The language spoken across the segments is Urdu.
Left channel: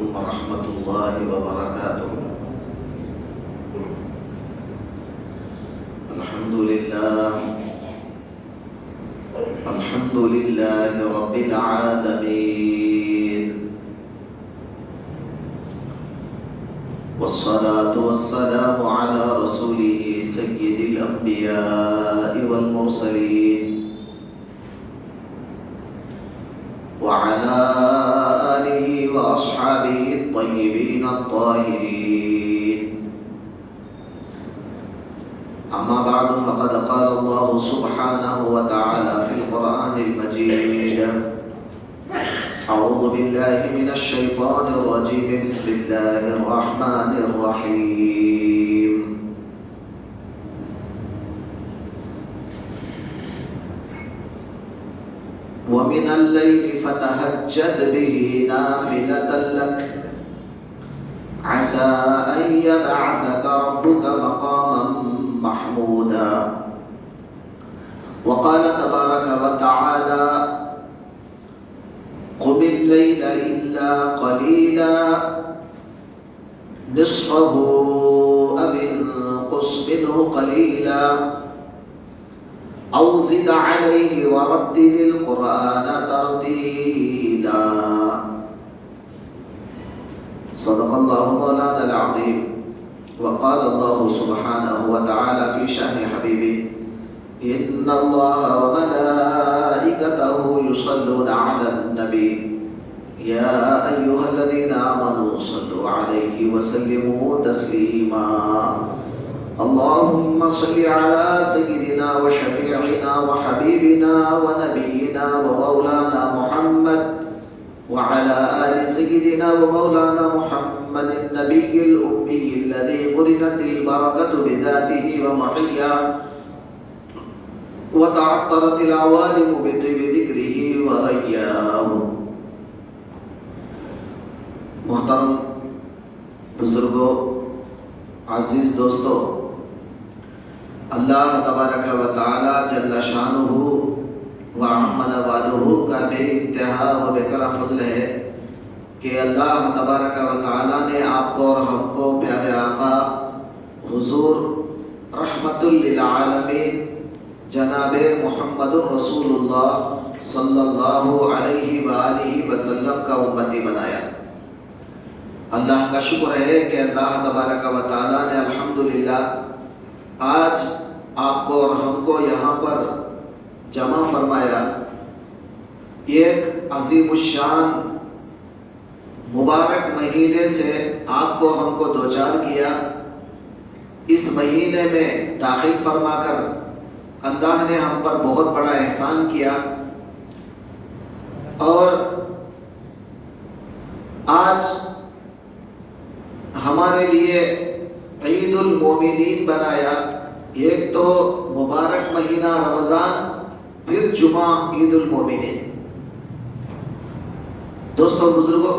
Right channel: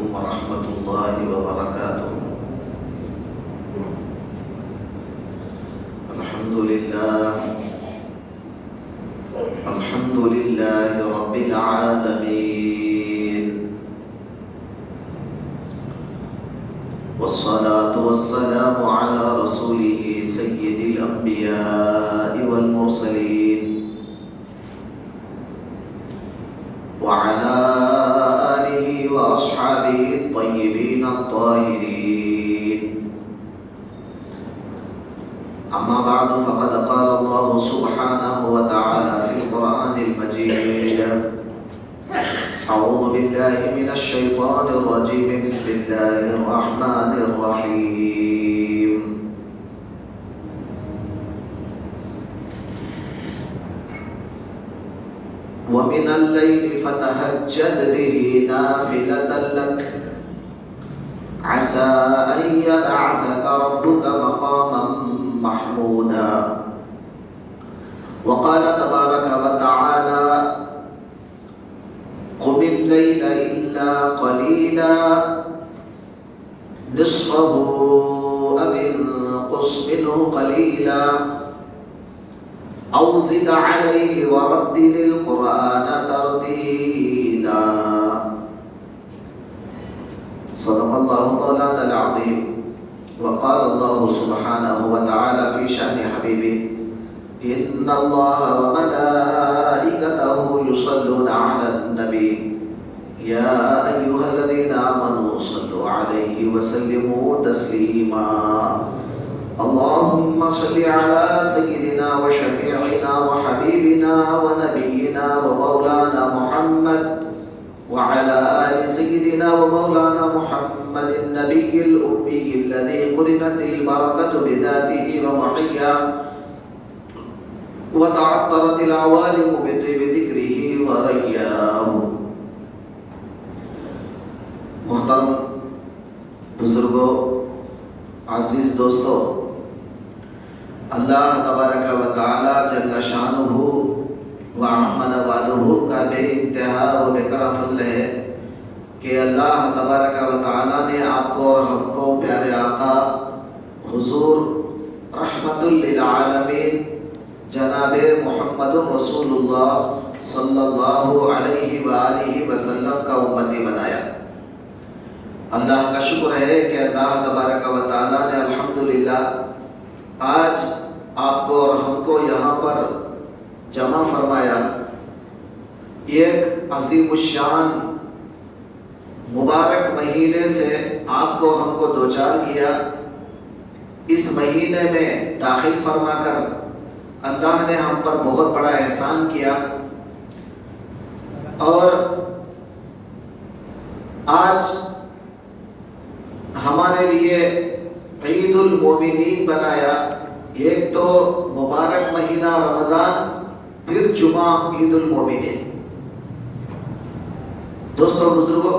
عليكم ورحمة الله وبركاته. الحمد لله رب العالمين، والصلاة والسلام على رسوله سيد الأنبياء والمرسلين وعلى آله وأصحابه الطيبين الطاهرين. أما بعد، فقد قال الله سبحانه وتعالى في القرآن المجيد: أعوذ بالله من الشيطان الرجيم، بسم الله الرحمن الرحيم. ومن الليل فتهجد به نافلة لك عسى أن يبعثك ربك مقاما محمودا. وقال تبارك وتعالى: قم الليل إلا قليلا نصفه أو انقص منه قليلا أو زد عليه ورتل القرآن ترتيلا. صدق الله مولانا العظيم. وقال الله سبحانه وتعالى في شأن حبيبه: إن الله وملائكته يصلون على النبي يا أيها الذين آمنوا صلوا عليه وسلموا تسليما. اللهم صل على سيدنا وشفيعنا وحبيبنا ونبينا ومولانا محمد وعلى آل سيدنا ومولانا محمد النبي الأمي الذي قرنت البركة بذاته ومحياه وتعطرت العوالم بطيب ذكره ورياه. محترم بزرگوں، عزیز دوستو، اللہ تبارک و تعالی جل شانہ و عم نوالہ کا بے انتہا و بے کرم فضل ہے کہ اللہ تبارک و تعالی نے آپ کو اور ہم کو پیارے آقا حضور رحمت للعالمین جناب محمد رسول اللہ صلی اللہ علیہ وآلہ وسلم کا امتی بنایا۔ اللہ کا شکر ہے کہ اللہ تبارک و تعالی نے الحمدللہ آج آپ کو اور ہم کو یہاں پر جمع فرمایا، ایک عظیم الشان مبارک مہینے سے آپ کو ہم کو دوچار کیا۔ اس مہینے میں داخل فرما کر اللہ نے ہم پر بہت بڑا احسان کیا، اور آج ہمارے لیے عید المومنین بنایا۔ ایک تو مبارک مہینہ رمضان، پھر جمعہ عید المومنین۔ دوستو بزرگوں،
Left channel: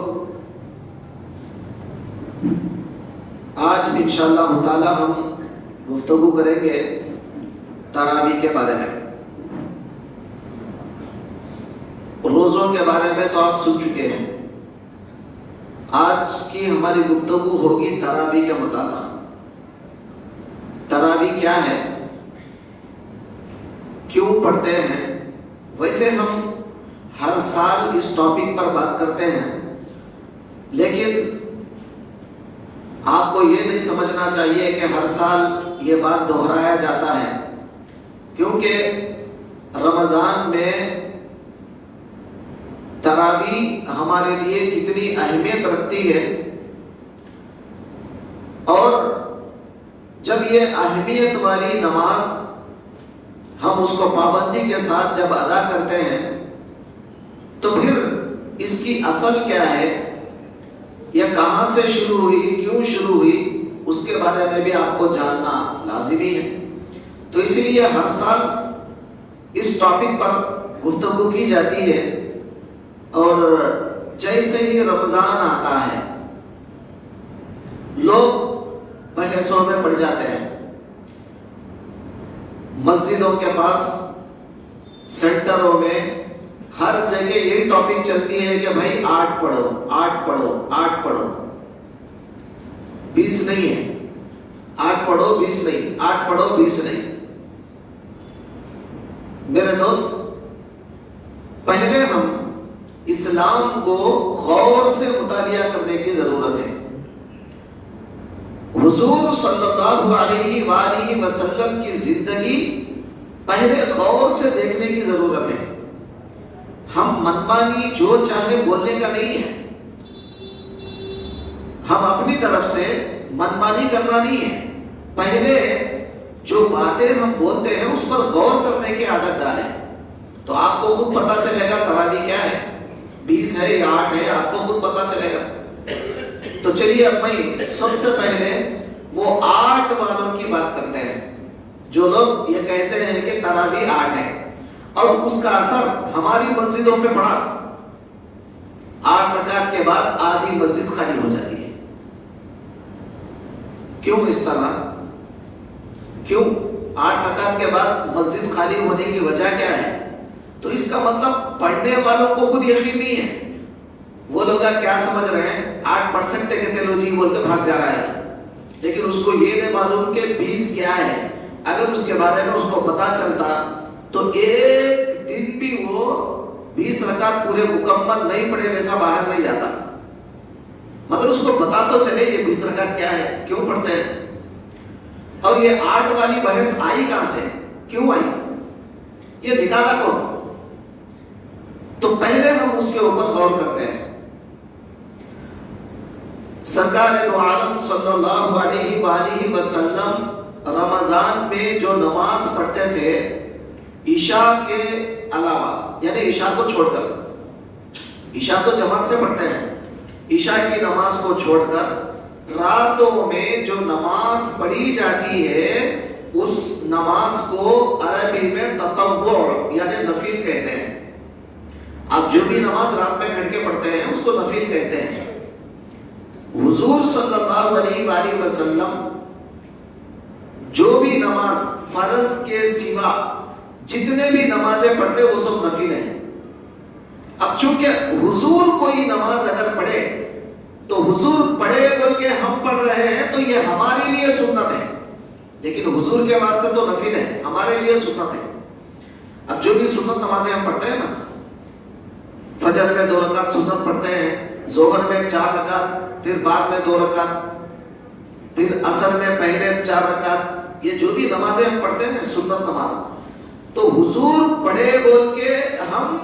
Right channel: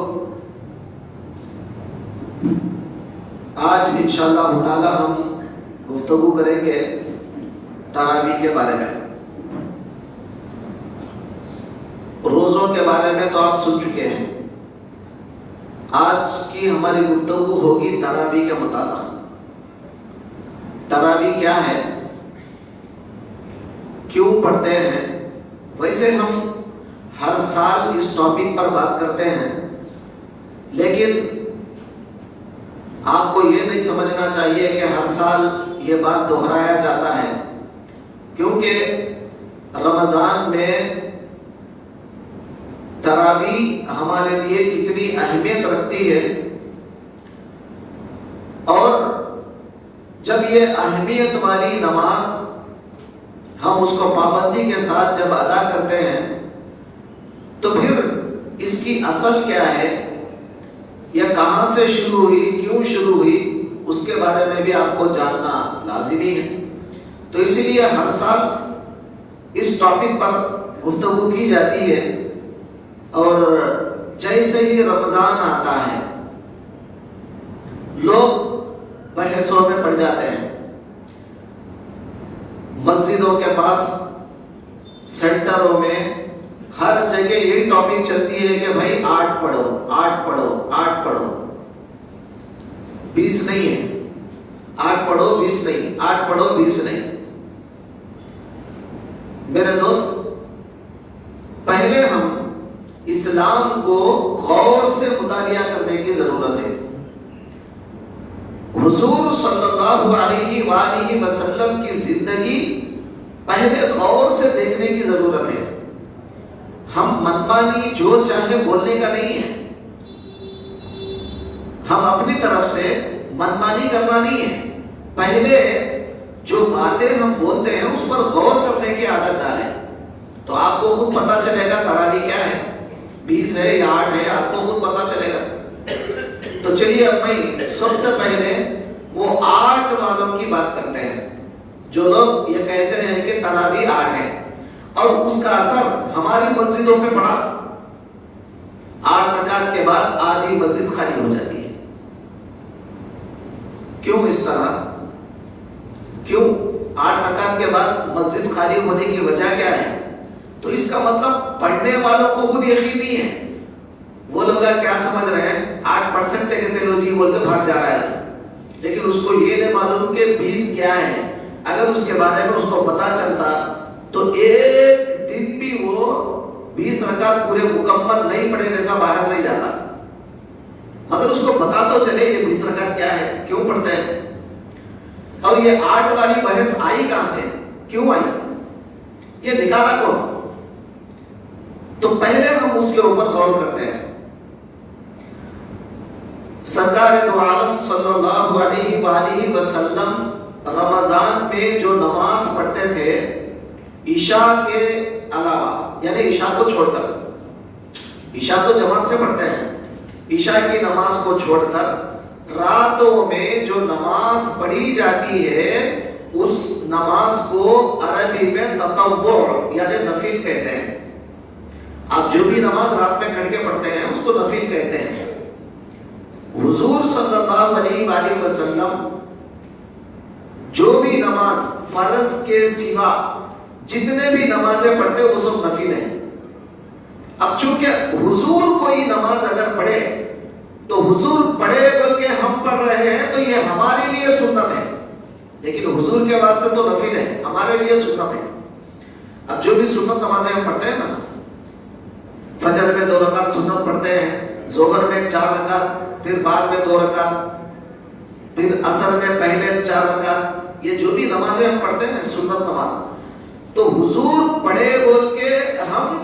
آج انشاءاللہ تعالی ہم گفتگو کریں گے تراویح کے بارے میں۔ روزوں کے بارے میں تو آپ سن چکے ہیں، آج کی ہماری گفتگو ہوگی تراویح کے متعلق۔ تراویح کیا ہے، کیوں پڑھتے ہیں؟ ویسے ہم ہر سال اس ٹاپک پر بات کرتے ہیں، لیکن آپ کو یہ نہیں سمجھنا چاہیے کہ ہر سال یہ بات دہرایا جاتا ہے، کیونکہ رمضان میں تراویح ہمارے لیے کتنی اہمیت رکھتی ہے، اور جب یہ اہمیت والی نماز ہم اس کو پابندی کے ساتھ جب ادا کرتے ہیں تو پھر اس کی اصل کیا ہے، یہ کہاں سے شروع ہوئی، کیوں شروع ہوئی، اس کے بارے میں بھی آپ کو جاننا لازمی ہے۔ تو اسی لیے ہر سال اس ٹاپک پر گفتگو کی جاتی ہے، اور جیسے ہی رمضان آتا ہے لوگ بحثوں میں پڑ جاتے ہیں۔ مسجدوں کے پاس، سینٹروں میں، ہر جگہ یہی ٹاپک چلتی ہے کہ بھائی 8 پڑھو 8 پڑھو 8 پڑھو۔ 20 نہیں ہے. 8 پڑھو 20 نہیں, 8 پڑھو 20 نہیں. میرے دوست, پہلے ہم اسلام کو غور سے مطالعہ کرنے کی ضرورت ہے. حضور صلی اللہ علیہ وآلہ وسلم کی زندگی پہلے غور سے دیکھنے کی ضرورت ہے. ہم منمانی جو چاہے بولنے کا نہیں ہے. ہم اپنی طرف سے منمانی کرنا نہیں ہے. پہلے جو باتیں ہم بولتے ہیں اس پر غور کرنے کی عادت ڈالیں, تو آپ کو خود پتا چلے گا تراویح کیا ہے, 20 ہے یا 8 ہے, آپ کو خود پتا چلے گا. تو چلیے اب میں سب سے پہلے وہ 8 والوں کی بات کرتے ہیں جو لوگ یہ کہتے ہیں کہ تراویح 8 ہے, اور اس کا اثر ہماری مسجدوں میں پڑا. 8 رکعت کے بعد آدھی مسجد خالی ہو جاتی ہے. کیوں اس طرح؟ کیوں 8 رکعت کے بعد مسجد خالی ہونے کی وجہ کیا ہے؟ تو اس کا مطلب پڑھنے والوں کو خود یقین نہیں ہے. وہ لوگ کیا سمجھ رہے ہیں, 8 پڑھ سکتے کہتے لو جی بول کے بھاگ جا رہا ہے, لیکن اس کو یہ نہیں معلوم کہ 20 کیا ہے. اگر اس کے بارے میں اس کو پتا چلتا تو ایک دن بھی وہ 20 رکعت پورے مکمل نہیں پڑھے جیسا باہر نہیں جاتا. مگر اس کو پتا تو چلے یہ 20 رکعت کیا ہے, کیوں پڑھتے ہیں. اور یہ 8 والی بحث آئی کہاں سے, کیوں آئی, یہ نکالا کون؟ تو پہلے ہم اس کے اوپر غور کرتے ہیں. سرکار دو عالم صلی اللہ علیہ وآلہ وسلم رمضان میں جو نماز پڑھتے تھے عشاء کے علاوہ, یعنی عشاء کو چھوڑ کر, عشاء تو جماعت سے پڑھتے ہیں, عشاء کی نماز کو چھوڑ کر راتوں میں جو نماز پڑھی جاتی ہے اس نماز کو عربی میں تطوع یعنی نفل کہتے ہیں. آپ جو بھی نماز رات میں کھڑ کے پڑھتے ہیں اس کو نفل کہتے ہیں. حضور صلی اللہ علیہ وآلہ وسلم جو بھی نماز فرض کے سوا جتنے بھی نمازیں پڑھتے وہ سب نفل ہیں. اب چونکہ حضور کوئی نماز اگر پڑھے تو حضور پڑھے بول کے ہم پڑھ رہے ہیں تو یہ ہمارے لیے سنت ہے, لیکن حضور کے واسطے تو نفل ہے, ہمارے لیے سنت ہے. اب جو بھی سنت نمازیں ہم پڑھتے ہیں نا, فجر میں 2 رکعت سنت پڑھتے ہیں, ظہر میں 4 رکعت, پھر بعد میں 2 رکعت, پھر عصر میں پہلے 4 رکعت, یہ جو بھی نمازیں ہم پڑھتے ہیں سنت نماز, تو حضور پڑھے بول کے ہم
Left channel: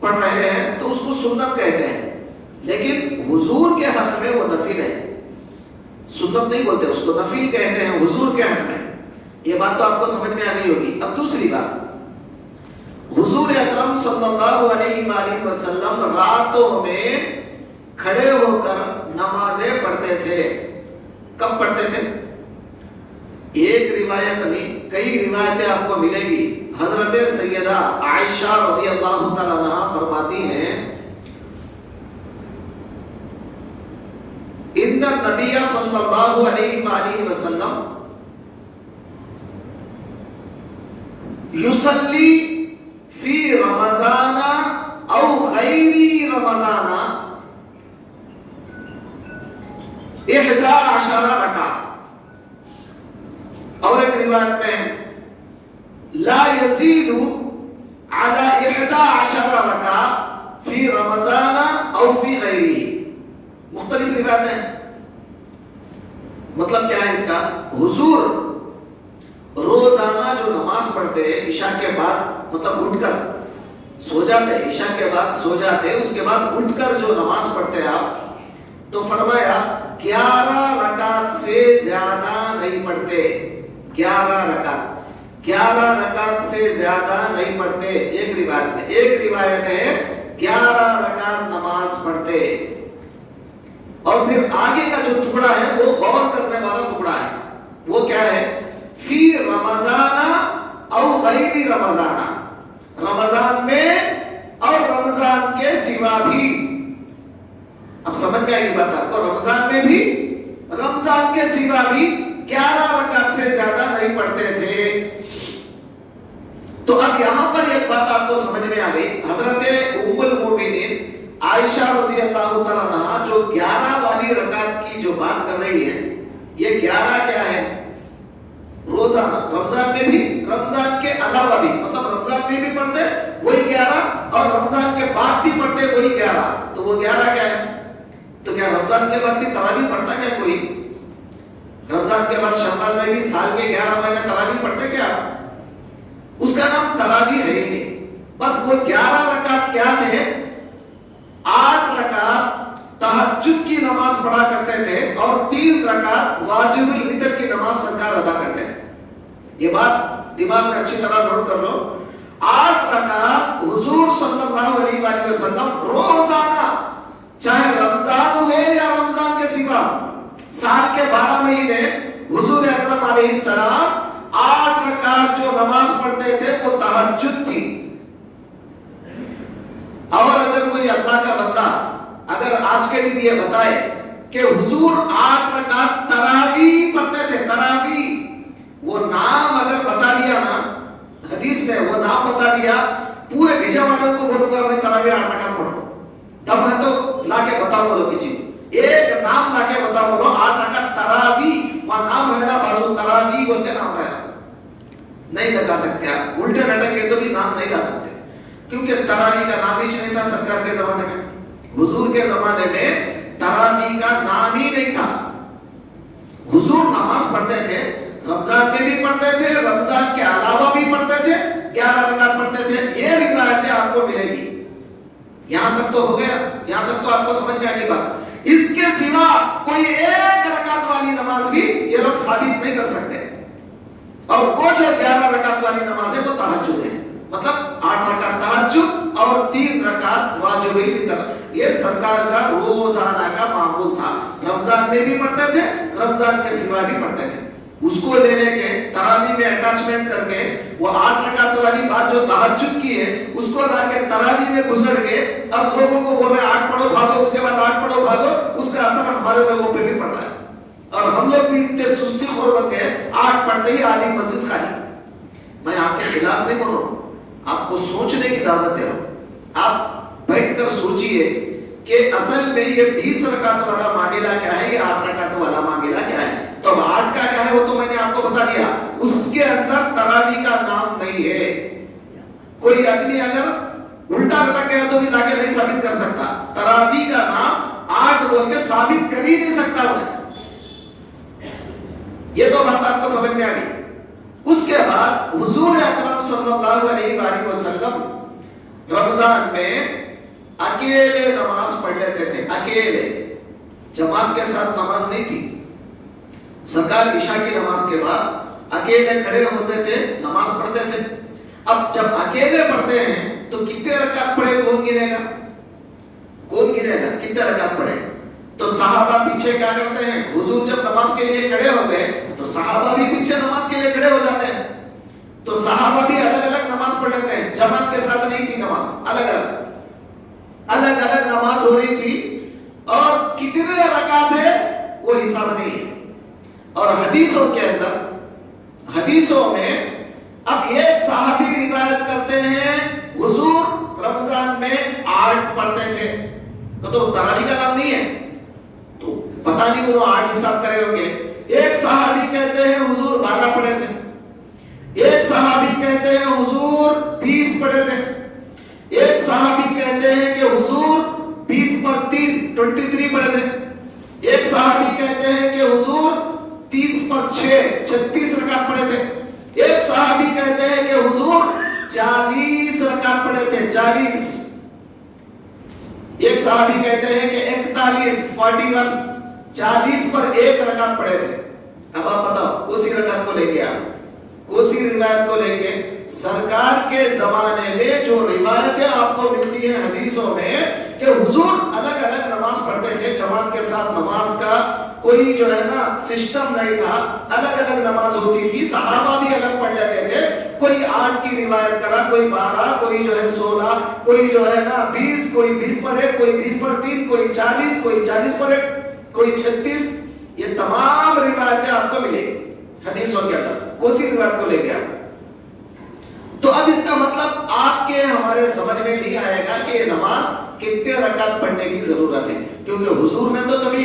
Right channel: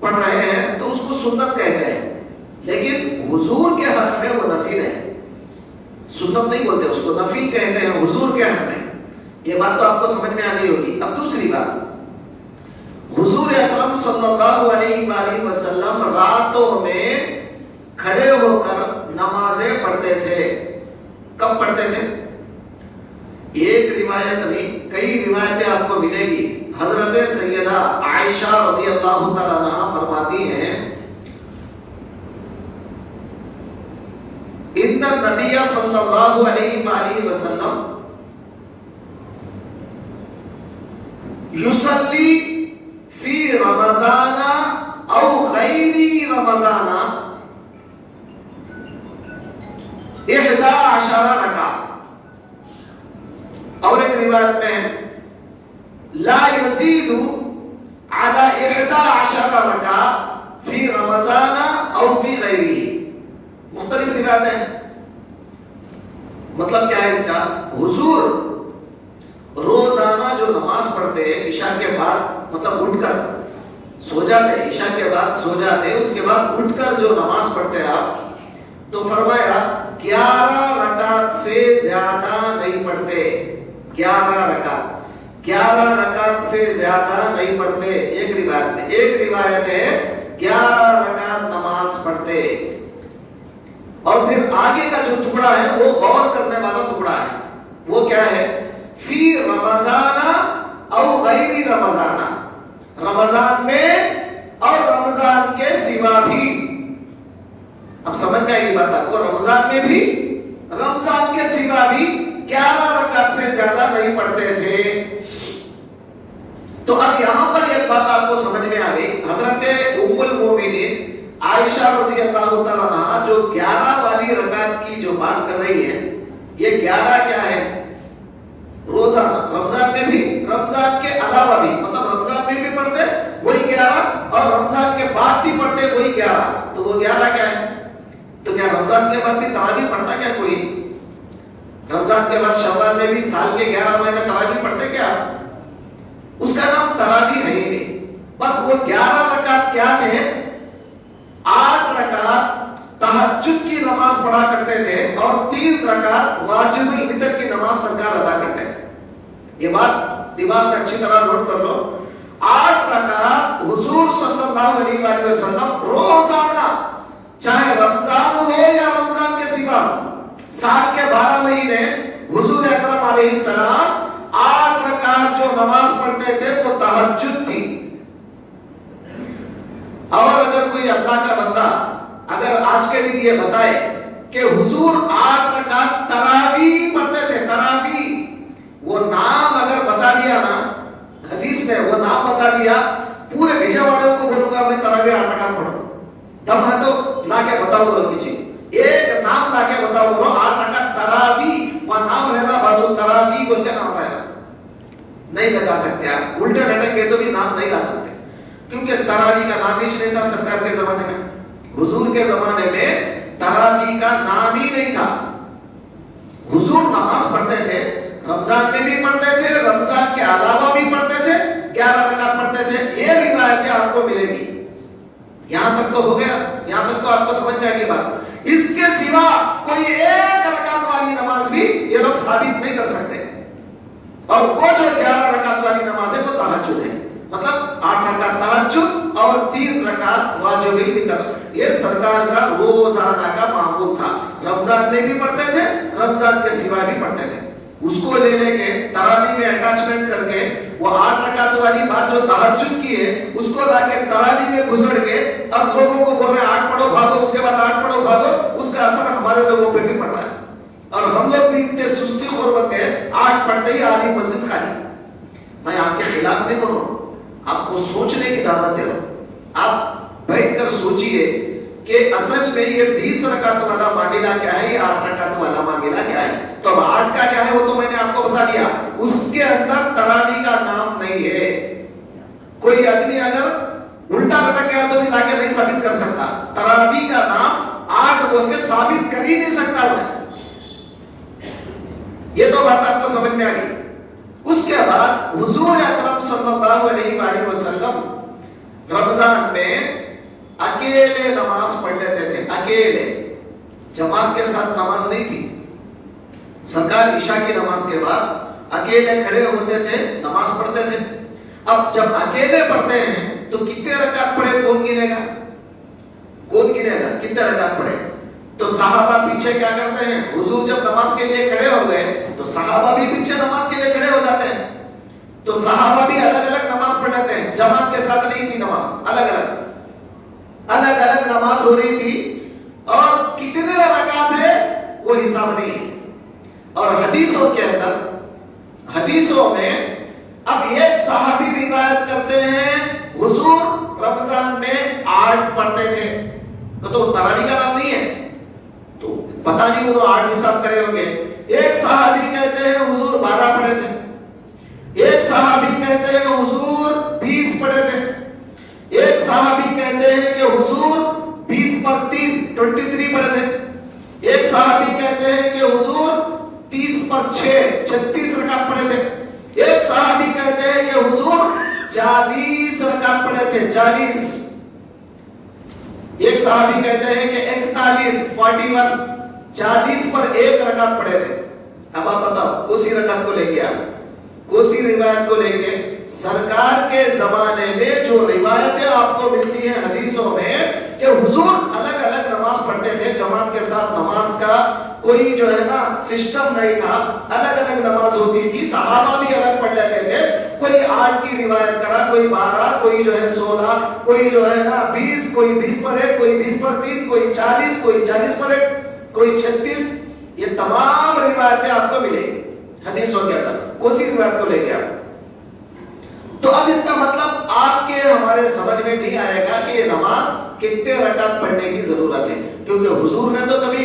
پڑھ رہے ہیں تو اس کو سنت کہتے ہیں, لیکن حضور کے حق میں وہ نفل ہے. سنت نہیں بولتے, اس کو نفل کہتے ہیں حضور کے حق میں. یہ بات تو آپ کو سمجھ میں آ گئی ہوگی. اب دوسری بات, حضور اکرم صلی اللہ علیہ وآلہ وسلم راتوں میں کھڑے ہو کر نمازیں پڑھتے تھے. کب پڑھتے تھے؟ ایک روایت نہیں, کئی روایتیں آپ کو ملے گی. حضرت سیدہ عائشہ رضی اللہ تعالی عنہا فرماتی ہیں, ان النبی صلی اللہ علیہ وآلہ وسلم یصلی فی رمضان او غیر رمضان 11 رکعت. اور ایک روایت میں لا یزید علی 11 رکعت فی رمضان او فی غیرہ. مختلف روایتیں ہیں. مطلب کیا ہے اس کا؟ حضور روزانہ جو نماز پڑھتے عشاء کے بعد, مطلب اٹھ کر سو جاتے, عشاء کے بعد سو جاتے, اس کے بعد اٹھ کر جو نماز پڑھتے آپ, تو فرمایا 11 رکعت سے زیادہ نہیں پڑھتے. 11 رکعت سے زیادہ نہیں پڑھتے. ایک روایت ہے 11 رکعت نماز پڑھتے. اور پھر آگے کا جو ٹکڑا ہے وہ غور کرنے والا ٹکڑا ہے. وہ کیا ہے؟ فی رمضان او غیر رمضان, رمضان میں اور رمضان کے سوا بھی. اب سمجھ میں آئی بات آپ کو, رمضان میں بھی رمضان کے سوا بھی 11 رکعت سے زیادہ نہیں پڑھتے تھے. تو اب یہاں پر ایک بات آپ کو سمجھ میں آ گئی. حضرت ام المومنین عائشہ رضی اللہ تعالیٰ عنہا جو 11 والی والی رکعت کی جو بات کر رہی ہے یہ 11 کیا ہے؟ روزانہ، رمضان میں بھی، رمضان کے علاوہ بھی، مطلب رمضان میں بھی پڑھتے وہی 11 اور رمضان کے بعد بھی پڑھتے وہی 11، تو وہ 11 کیا ہے؟ تو کیا رمضان کے بعد بھی تراویح پڑھتا کیا کوئی؟ رمضان کے بعد شوال میں بھی سال کے 11 مہینے تراویح پڑھتے کیا؟ اس کا نام تراویح ہے ہی نہیں، بس وہ 11 رکعت کیا تھے؟ 8 رکعت تہجد کی نماز پڑھا کرتے تھے اور 3 رکعت واجب الوتر کی نماز سرکار ادا کرتے تھے۔ یہ بات دماغ میں اچھی طرح نوٹ کر لو، 8 رکعت حضور صلی اللہ علیہ وآلہ وسلم روزانہ، چاہے رمضان ہو یا رمضان کے سوا، سال کے 12 مہینے حضور اکرم علیہ السلام 8 رکعت جو نماز پڑھتے تھے وہ تہجد تھی۔ اور اگر کوئی اللہ کا بندہ اگر آج کے دن یہ بتائے کہ حضور 8 رکعت تراویح پڑھتے تھے، تراویح، وہ نام اگر بتا دیا نا حدیث میں، وہ نام بتا دیا، پورے بھیجا والوں کو بولوں گا میں تراویح 8 رکعت پڑھو، تب نہ تو لا کے بتاؤ بولو، کسی ایک نام لا کے بتاؤ بولو 8 رکعت تراویح، اور نام رہنا بازو تراویح بولتے نام رہنا نہیں لگا سکتے آپ، الٹے لٹک کے تو بھی نام نہیں لا سکتے، کیونکہ تراویح کا نام ہی نہیں تھا سرکار کے زمانے میں، حضور کے زمانے میں تراویح کا نام ہی نہیں تھا۔ حضور نماز پڑھتے تھے، رمضان میں بھی پڑھتے تھے، رمضان کے علاوہ بھی پڑھتے تھے، 11 رکعت پڑھتے تھے، یہ روایتیں آپ کو ملے گی۔ یہاں تک تو ہو گیا، یہاں تک تو آپ کو سمجھ میں آ گئی بات۔ اس کے سوا کوئی ایک رکعت والی نماز بھی یہ لوگ ثابت نہیں کر سکتے، اور وہ جو 11 رکعت والی نماز ہے وہ تہجد ہے، مطلب 8 رکعت تہجد اور 3 رکعت واجب الوتر، یہ سرکار کا روزانہ کا معمول تھا، رمضان میں بھی پڑھتے تھے، رمضان کے سوا بھی پڑھتے تھے۔ اس کو لے لے کے تراویح میں اٹیچمنٹ کر کے وہ 8 رکعت والی بات جو تہجد کی ہے اس کو لا کے تراویح میں گھسڑ کے اب لوگوں کو بول رہے ہیں 8 پڑھو بھاگو، اس کے بعد 8 پڑھو بھاگو، اس کا اثر ہمارے لوگوں پہ بھی پڑ رہا ہے، اور ہم لوگ بھی اتنے سستی خور بن گئے 8 پڑھتے ہی آدھی مسجد خالی۔ میں آپ کے خلاف نہیں بول رہا ہوں، آپ کو سوچنے کی دعوت دے رہا ہوں، آپ بیٹھ کر سوچئے کہ اصل میں یہ 20 رکعت والا معاملہ کیا ہے، یہ 8 رکعت والا معاملہ کیا ہے۔ تو 8 کا کیا ہے وہ تو میں نے آپ کو بتا دیا، اس کے اندر تراویح کا نام نہیں ہے۔ کوئی آدمی اگر الٹا لٹک گیا تو بھی لا کے نہیں ثابت کر سکتا، تراویح کا نام 8 بول کے ثابت کر ہی نہیں سکتا انہیں۔ یہ تو بات آپ کو سمجھ میں آ گئی۔ اس کے بعد حضور اکرم صلی اللہ علیہ وآلہ وسلم رمضان میں اکیلے نماز پڑھ لیتے تھے، اکیلے، جماعت کے ساتھ نماز نہیں تھی۔ سرکار عشاء کی نماز کے بعد اکیلے کھڑے ہوتے تھے، نماز پڑھتے تھے۔ اب جب اکیلے پڑھتے ہیں تو کتنے رکعت پڑھے کون گنے گا؟ کون گنے گا کتنے رکعت پڑھے؟ تو صحابہ پیچھے کیا کرتے ہیں؟ حضور جب نماز کے لیے کھڑے ہو گئے تو صحابہ بھی پیچھے نماز کے لیے کھڑے ہو جاتے ہیں، تو صحابہ بھی الگ الگ نماز پڑھ لیتے ہیں، جماعت کے ساتھ نہیں تھی نماز، الگ الگ نماز ہو رہی تھی، اور کتنے رکعت ہے وہ حساب نہیں ہے۔ اور حدیثوں کے اندر، حدیثوں میں اب ایک صحابی روایت کرتے ہیں حضور رمضان میں 8 پڑھتے تھے، تو تراویح کا نام نہیں ہے، تو پتہ نہیں وہ 8 حساب کرے ہوں گے۔ ایک صحابی کہتے ہیں حضور 12 پڑھے تھے، ایک صحابی کہتے ہیں حضور 20 پڑھے تھے، ایک صحابی کہتے ہیں کہ حضور 20 پر 3 23 پڑھے تھے، ایک صحابی کہتے ہیں کہ حضور 30 پر 6 36 رکعت پڑھے تھے، ایک صحابی کہتے ہیں کہ حضور 40 رکعت پڑھے تھے، 40، ایک صحابی کہتے ہیں کہ 41 40 پر 1 رکعت پڑھے تھے۔ اب آپ بتاؤ اسی رکعت کو لے کے اسی روایت کو لے کے سرکار کے زمانے میں جو روایتیں آپ کو ملتی ہیں حدیثوں میں کہ حضور الگ الگ نماز پڑھتے تھے، جماعت کے ساتھ نماز کا کوئی جو ہے نا سسٹم نہیں تھا، الگ الگ نماز ہوتی تھی، صحابہ بھی الگ پڑھ لیتے تھے، کوئی 8 کی روایت کرا، کوئی 12، کوئی جو ہے 16، کوئی جو ہے نا 20، کوئی 20 پر 1، کوئی 20 پر 3، کوئی 40، کوئی 40 پر 1، کوئی 36، یہ تمام روایتیں آپ کو ملے گی حدیثوں کے اندر، اسی روایت کو لے کے تو اب اس کا مطلب آپ کے ہمارے سمجھ میں نہیں آئے گا کہ یہ نماز کتنے رکعت پڑھنے کی ضرورت ہے، کیونکہ حضور نے تو کبھی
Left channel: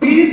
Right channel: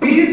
20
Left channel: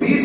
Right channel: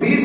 20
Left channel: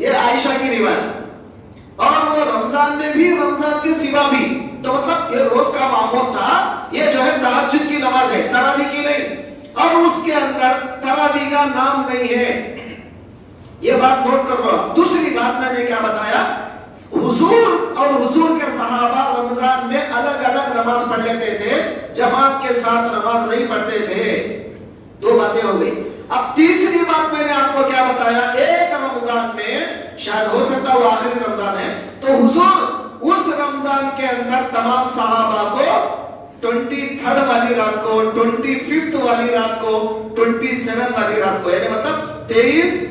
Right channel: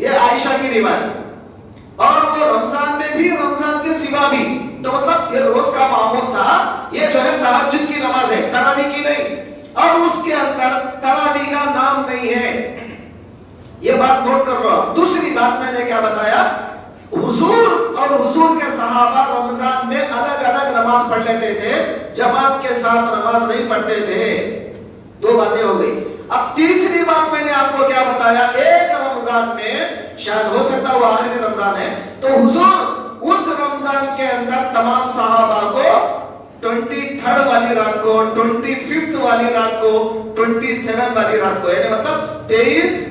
یہ عائشہ کی روایت. اور وہ رمضان میں بھی رمضان کے سوا بھی, تو مطلب یہ روز کا معمول تھا. یہ جو ہے تہجد کی نماز ہے, تراویح کی نہیں, اور اس کے اندر تراویح کا نام نہیں ہے. یہ بات نوٹ کر لو. دوسری بات میں نے کیا بتایا, حضور اور حضور کے صحابہ رمضان میں الگ الگ نماز پڑھ لیتے تھے, جماعت کے ساتھ نماز نہیں پڑھتے تھے. دو باتیں ہو گئی. اب تیسری بات میں نے آپ کو کیا بتایا, ایک رمضان میں, شاید ہو سکتا وہ آخری رمضان ہے, تو حضور اس رمضان کے اندر تمام صحابہ کو 23rd والی رات کو, 25th والی رات کو, 27 والی رات کو, یعنی مطلب 23,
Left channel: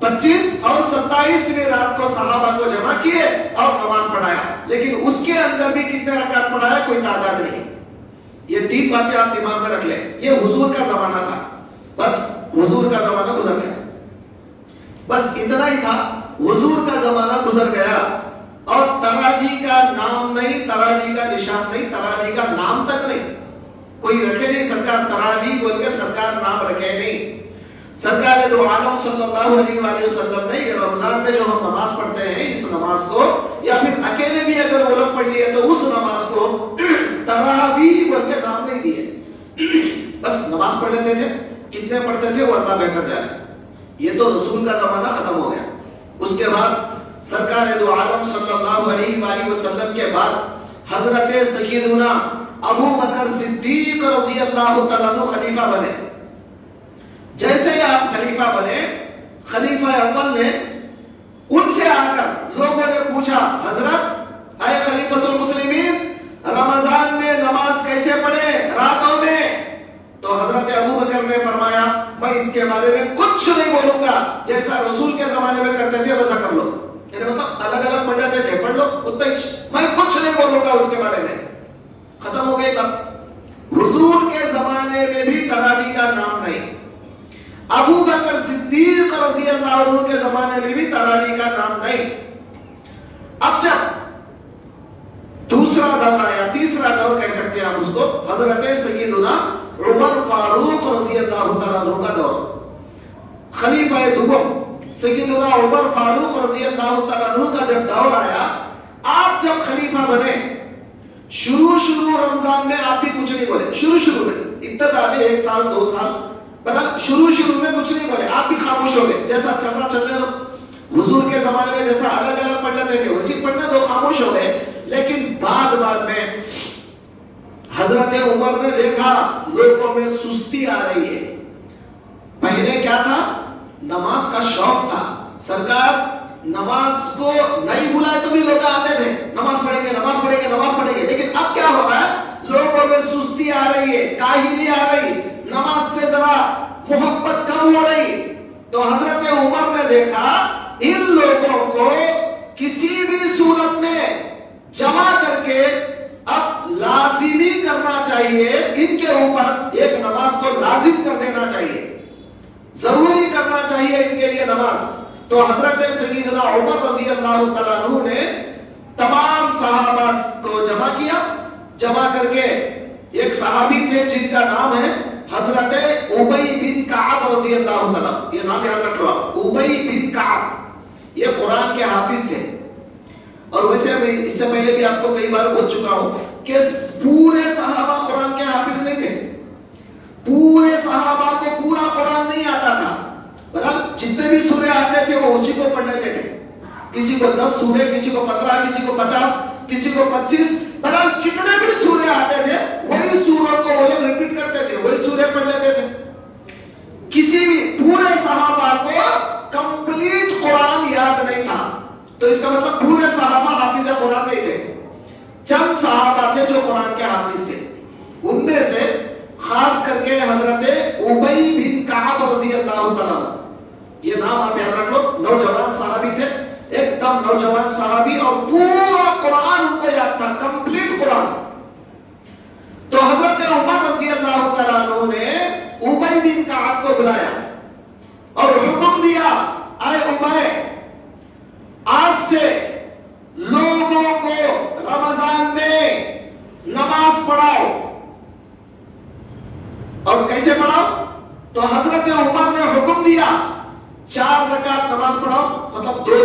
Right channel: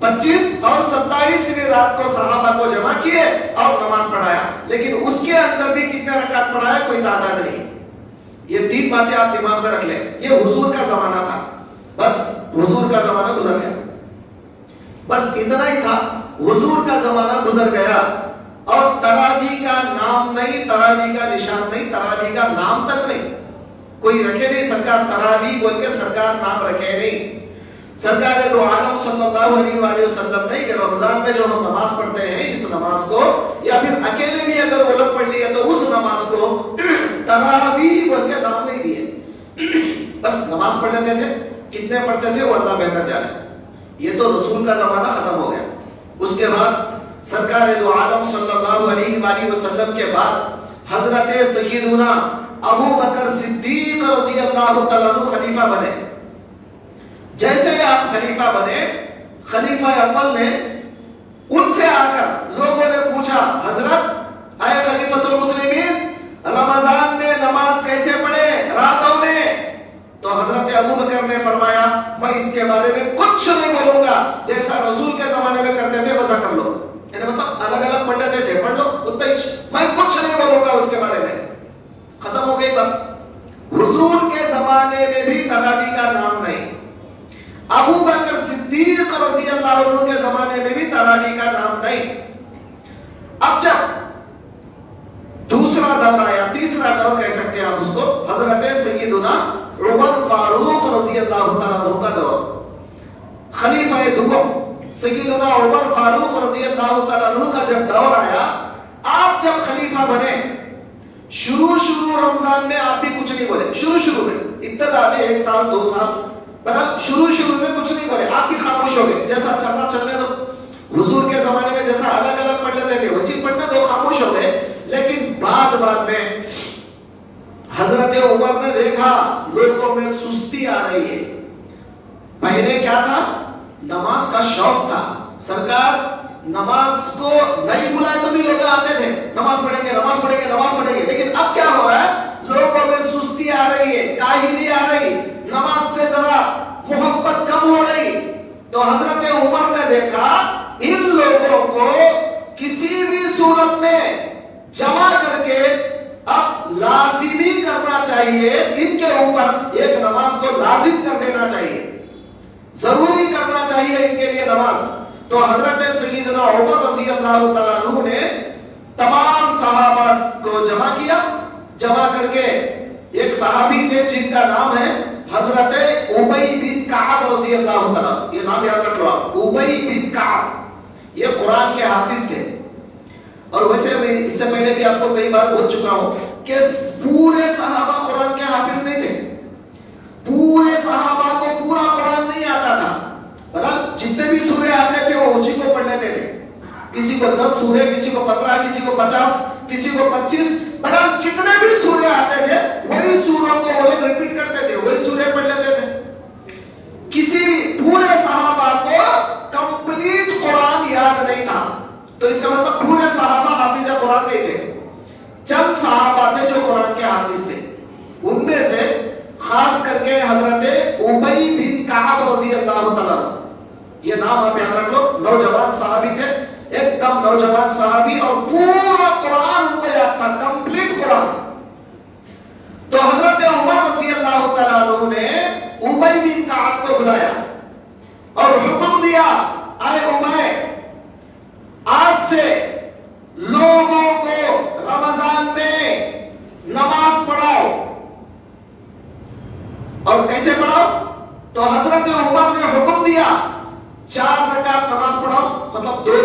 25 اور 27ویں رات کو صحابہ کو جمع کیے اور نماز پڑھایا. لیکن اس کے اندر بھی کتنے رکعت پڑھایا کوئی تعداد نہیں. یہ تین باتیں آپ دماغ میں رکھ لیں. یہ حضور کا زمانہ تھا, بس حضور کا زمانہ گزر گیا, بس اتنا ہی تھا. حضور کا زمانہ گزر گیا اور تراویح کا نام نہیں, تراویح کا نشان نہیں, تراویح کا نام تک نہیں, کوئی رکھے نہیں. سرکار تراویح بول کے سرکار نام رکھے نہیں. سرکار دو عالم صلی اللہ علیہ وآلہ وسلم نے یہ رمضان میں جو ہم نماز پڑھتے ہیں, اس نماز کو, یا پھر اکیلے بھی اگر وہ لوگ پڑھ لیے تو اس نماز کو تراویح بول کے نام نہیں دیے, بس نماز پڑھ لیتے تھے. کتنے پڑھتے تھے وہ اللہ بہتر جانے. یہ تو رسول کا زمانہ ختم ہو گیا. اس کے بعد سرکار دو عالم صلی اللہ علیہ وآلہ وسلم کے بعد حضرت سیدنا ابو بکر صدیق رضی اللہ تعالیٰ عنہ خلیفہ بنے. جیسے کہ آپ خلیفہ بنے, خلیفہ اول نے ان سے آ کر لوگوں نے پوچھا, حضرت اے خلیفۃ المسلمین, رمضان میں نماز کیسے پڑھے راتوں میں؟ تو حضرت ابو بکر نے فرمایا, میں اس کے بارے میں کچھ نہیں بولوں گا, جیسا رسول کے زمانے میں کرتے تھے ویسا کر لو. یعنی مطلب الگ الگ پڑھ لیتے تھے, پڑھ لو اتنا ہی, میں کچھ نہیں بولوں گا اس کے بارے میں. ختم ہو گئی بات. حضور کے زمانے میں بھی تراویح کا نام نہیں, ابو بکر صدیق رضی اللہ عنہ کے زمانے میں بھی تراویح کا نام نہیں. اب جب دوسرا دور آیا, تیسرا دور کہہ سکتے ہیں ہم اس کو, حضرت سیدنا عمر فاروق رضی اللہ تعالیٰ عنہ کا دور, خلیفہ دوم سیدنا عمر فاروق رضی اللہ تعالیٰ عنہ کا جب دور آیا, آپ جب خلیفہ بنے, شروع رمضان میں آپ بھی کچھ نہیں بولے. شروع میں, ابتدا میں 1 سال 2 سال, شروع میں کچھ نہیں بولے, آپ بھی خاموش ہو گئے. جیسا چلنا چلنے دو. حضور کے زمانے میں جیسا الگ الگ پڑھ لیتے تھے ویسے پڑھنے دو, خاموش ہو گئے. لیکن بعد میں حضرت عمر نے دیکھا لوگوں میں سستی آ رہی ہے. پہلے کیا تھا, نماز کا شوق تھا. سرکار نماز کو نہیں بلائے تو بھی لوگ آتے تھے, نماز پڑھیں گے نماز پڑھیں گے نماز پڑھیں گے. لیکن اب کیا ہو رہا ہے, لوگوں میں سستی آ رہی ہے, کاہلی آ رہی, نماز سے ذرا محبت کم ہو رہی. تو حضرت عمر نے دیکھا ان لوگوں کو کسی بھی صورت میں جمع کر کے اب لازمی کرنا چاہیے, ان کے اوپر ایک نماز کو لازم کر دینا چاہیے, ضروری کرنا چاہیے ان کے لیے نماز. تو حضرت سیدنا عمر رضی اللہ تعالیٰ عنہ نے تمام صحابہ کو جمع کیا. جمع کر کے ایک صحابی تھے جن کا نام ہے حضرت ابی بن کعب رضی اللہ تعالیٰ, یہ نام یاد رکھ لو, ابی بن کعب. یہ قرآن کے حافظ تھے. اور ویسے اس سے پہلے بھی آپ کو کئی بار بول چکا ہوں کہ پورے صحابہ قرآن کے حافظ نہیں تھے. پورے صحابہ کو پورا قرآن نہیں آتا تھا. بہرحال جتنے بھی سورے آتے تھے وہ اسی کو پڑھ لیتے تھے. کسی کو 10 سورے, کسی کو 15, کسی کو 50, کسی کو 25. بہرحال جتنے بھی سورے آتے تھے وہی سوروں کو وہ لوگ ریپیٹ کرتے تھے, وہی سورے پڑھ لیتے تھے. کسی بھی پورے صحابہ کو کمپلیٹ قرآن یاد نہیں تھا. تو اس کا مطلب پورے صحابہ حافظ قرآن نہیں تھے. چند صحابہ تھے جو قرآن کے حافظ تھے. ان میں سے خاص کر کے حضرت ابی بن کعب رضی اللہ تعالیٰ, یہ نام آپ یاد رکھ لو. نوجوان صحابی تھے, ایک دم نوجوان صحابی, اور پورا قرآن ان کو یاد تھا, کمپلیٹ قرآن. تو حضرت عمر رضی اللہ تعالیٰ عنہ نے ابی بن کعب کو بلایا اور حکم دیا, اے ابی, آج سے لوگوں کو رمضان میں نماز پڑھاؤ. اور کیسے پڑھاؤ؟ تو حضرت عمر نے حکم دیا 4 رکعت نماز پڑھاؤ, مطلب 2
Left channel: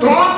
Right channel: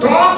2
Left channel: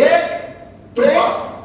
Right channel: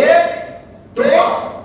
1 2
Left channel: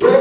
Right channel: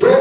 2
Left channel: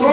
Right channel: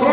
2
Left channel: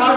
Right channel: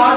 8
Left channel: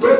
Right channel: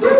2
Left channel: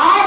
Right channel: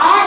8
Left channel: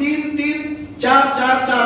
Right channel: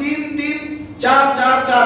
3 3 4 4 4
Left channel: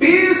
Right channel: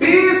20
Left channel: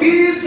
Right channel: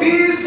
20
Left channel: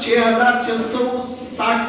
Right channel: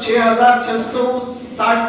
6660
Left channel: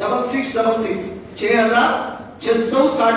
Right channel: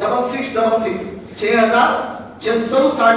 6666 6660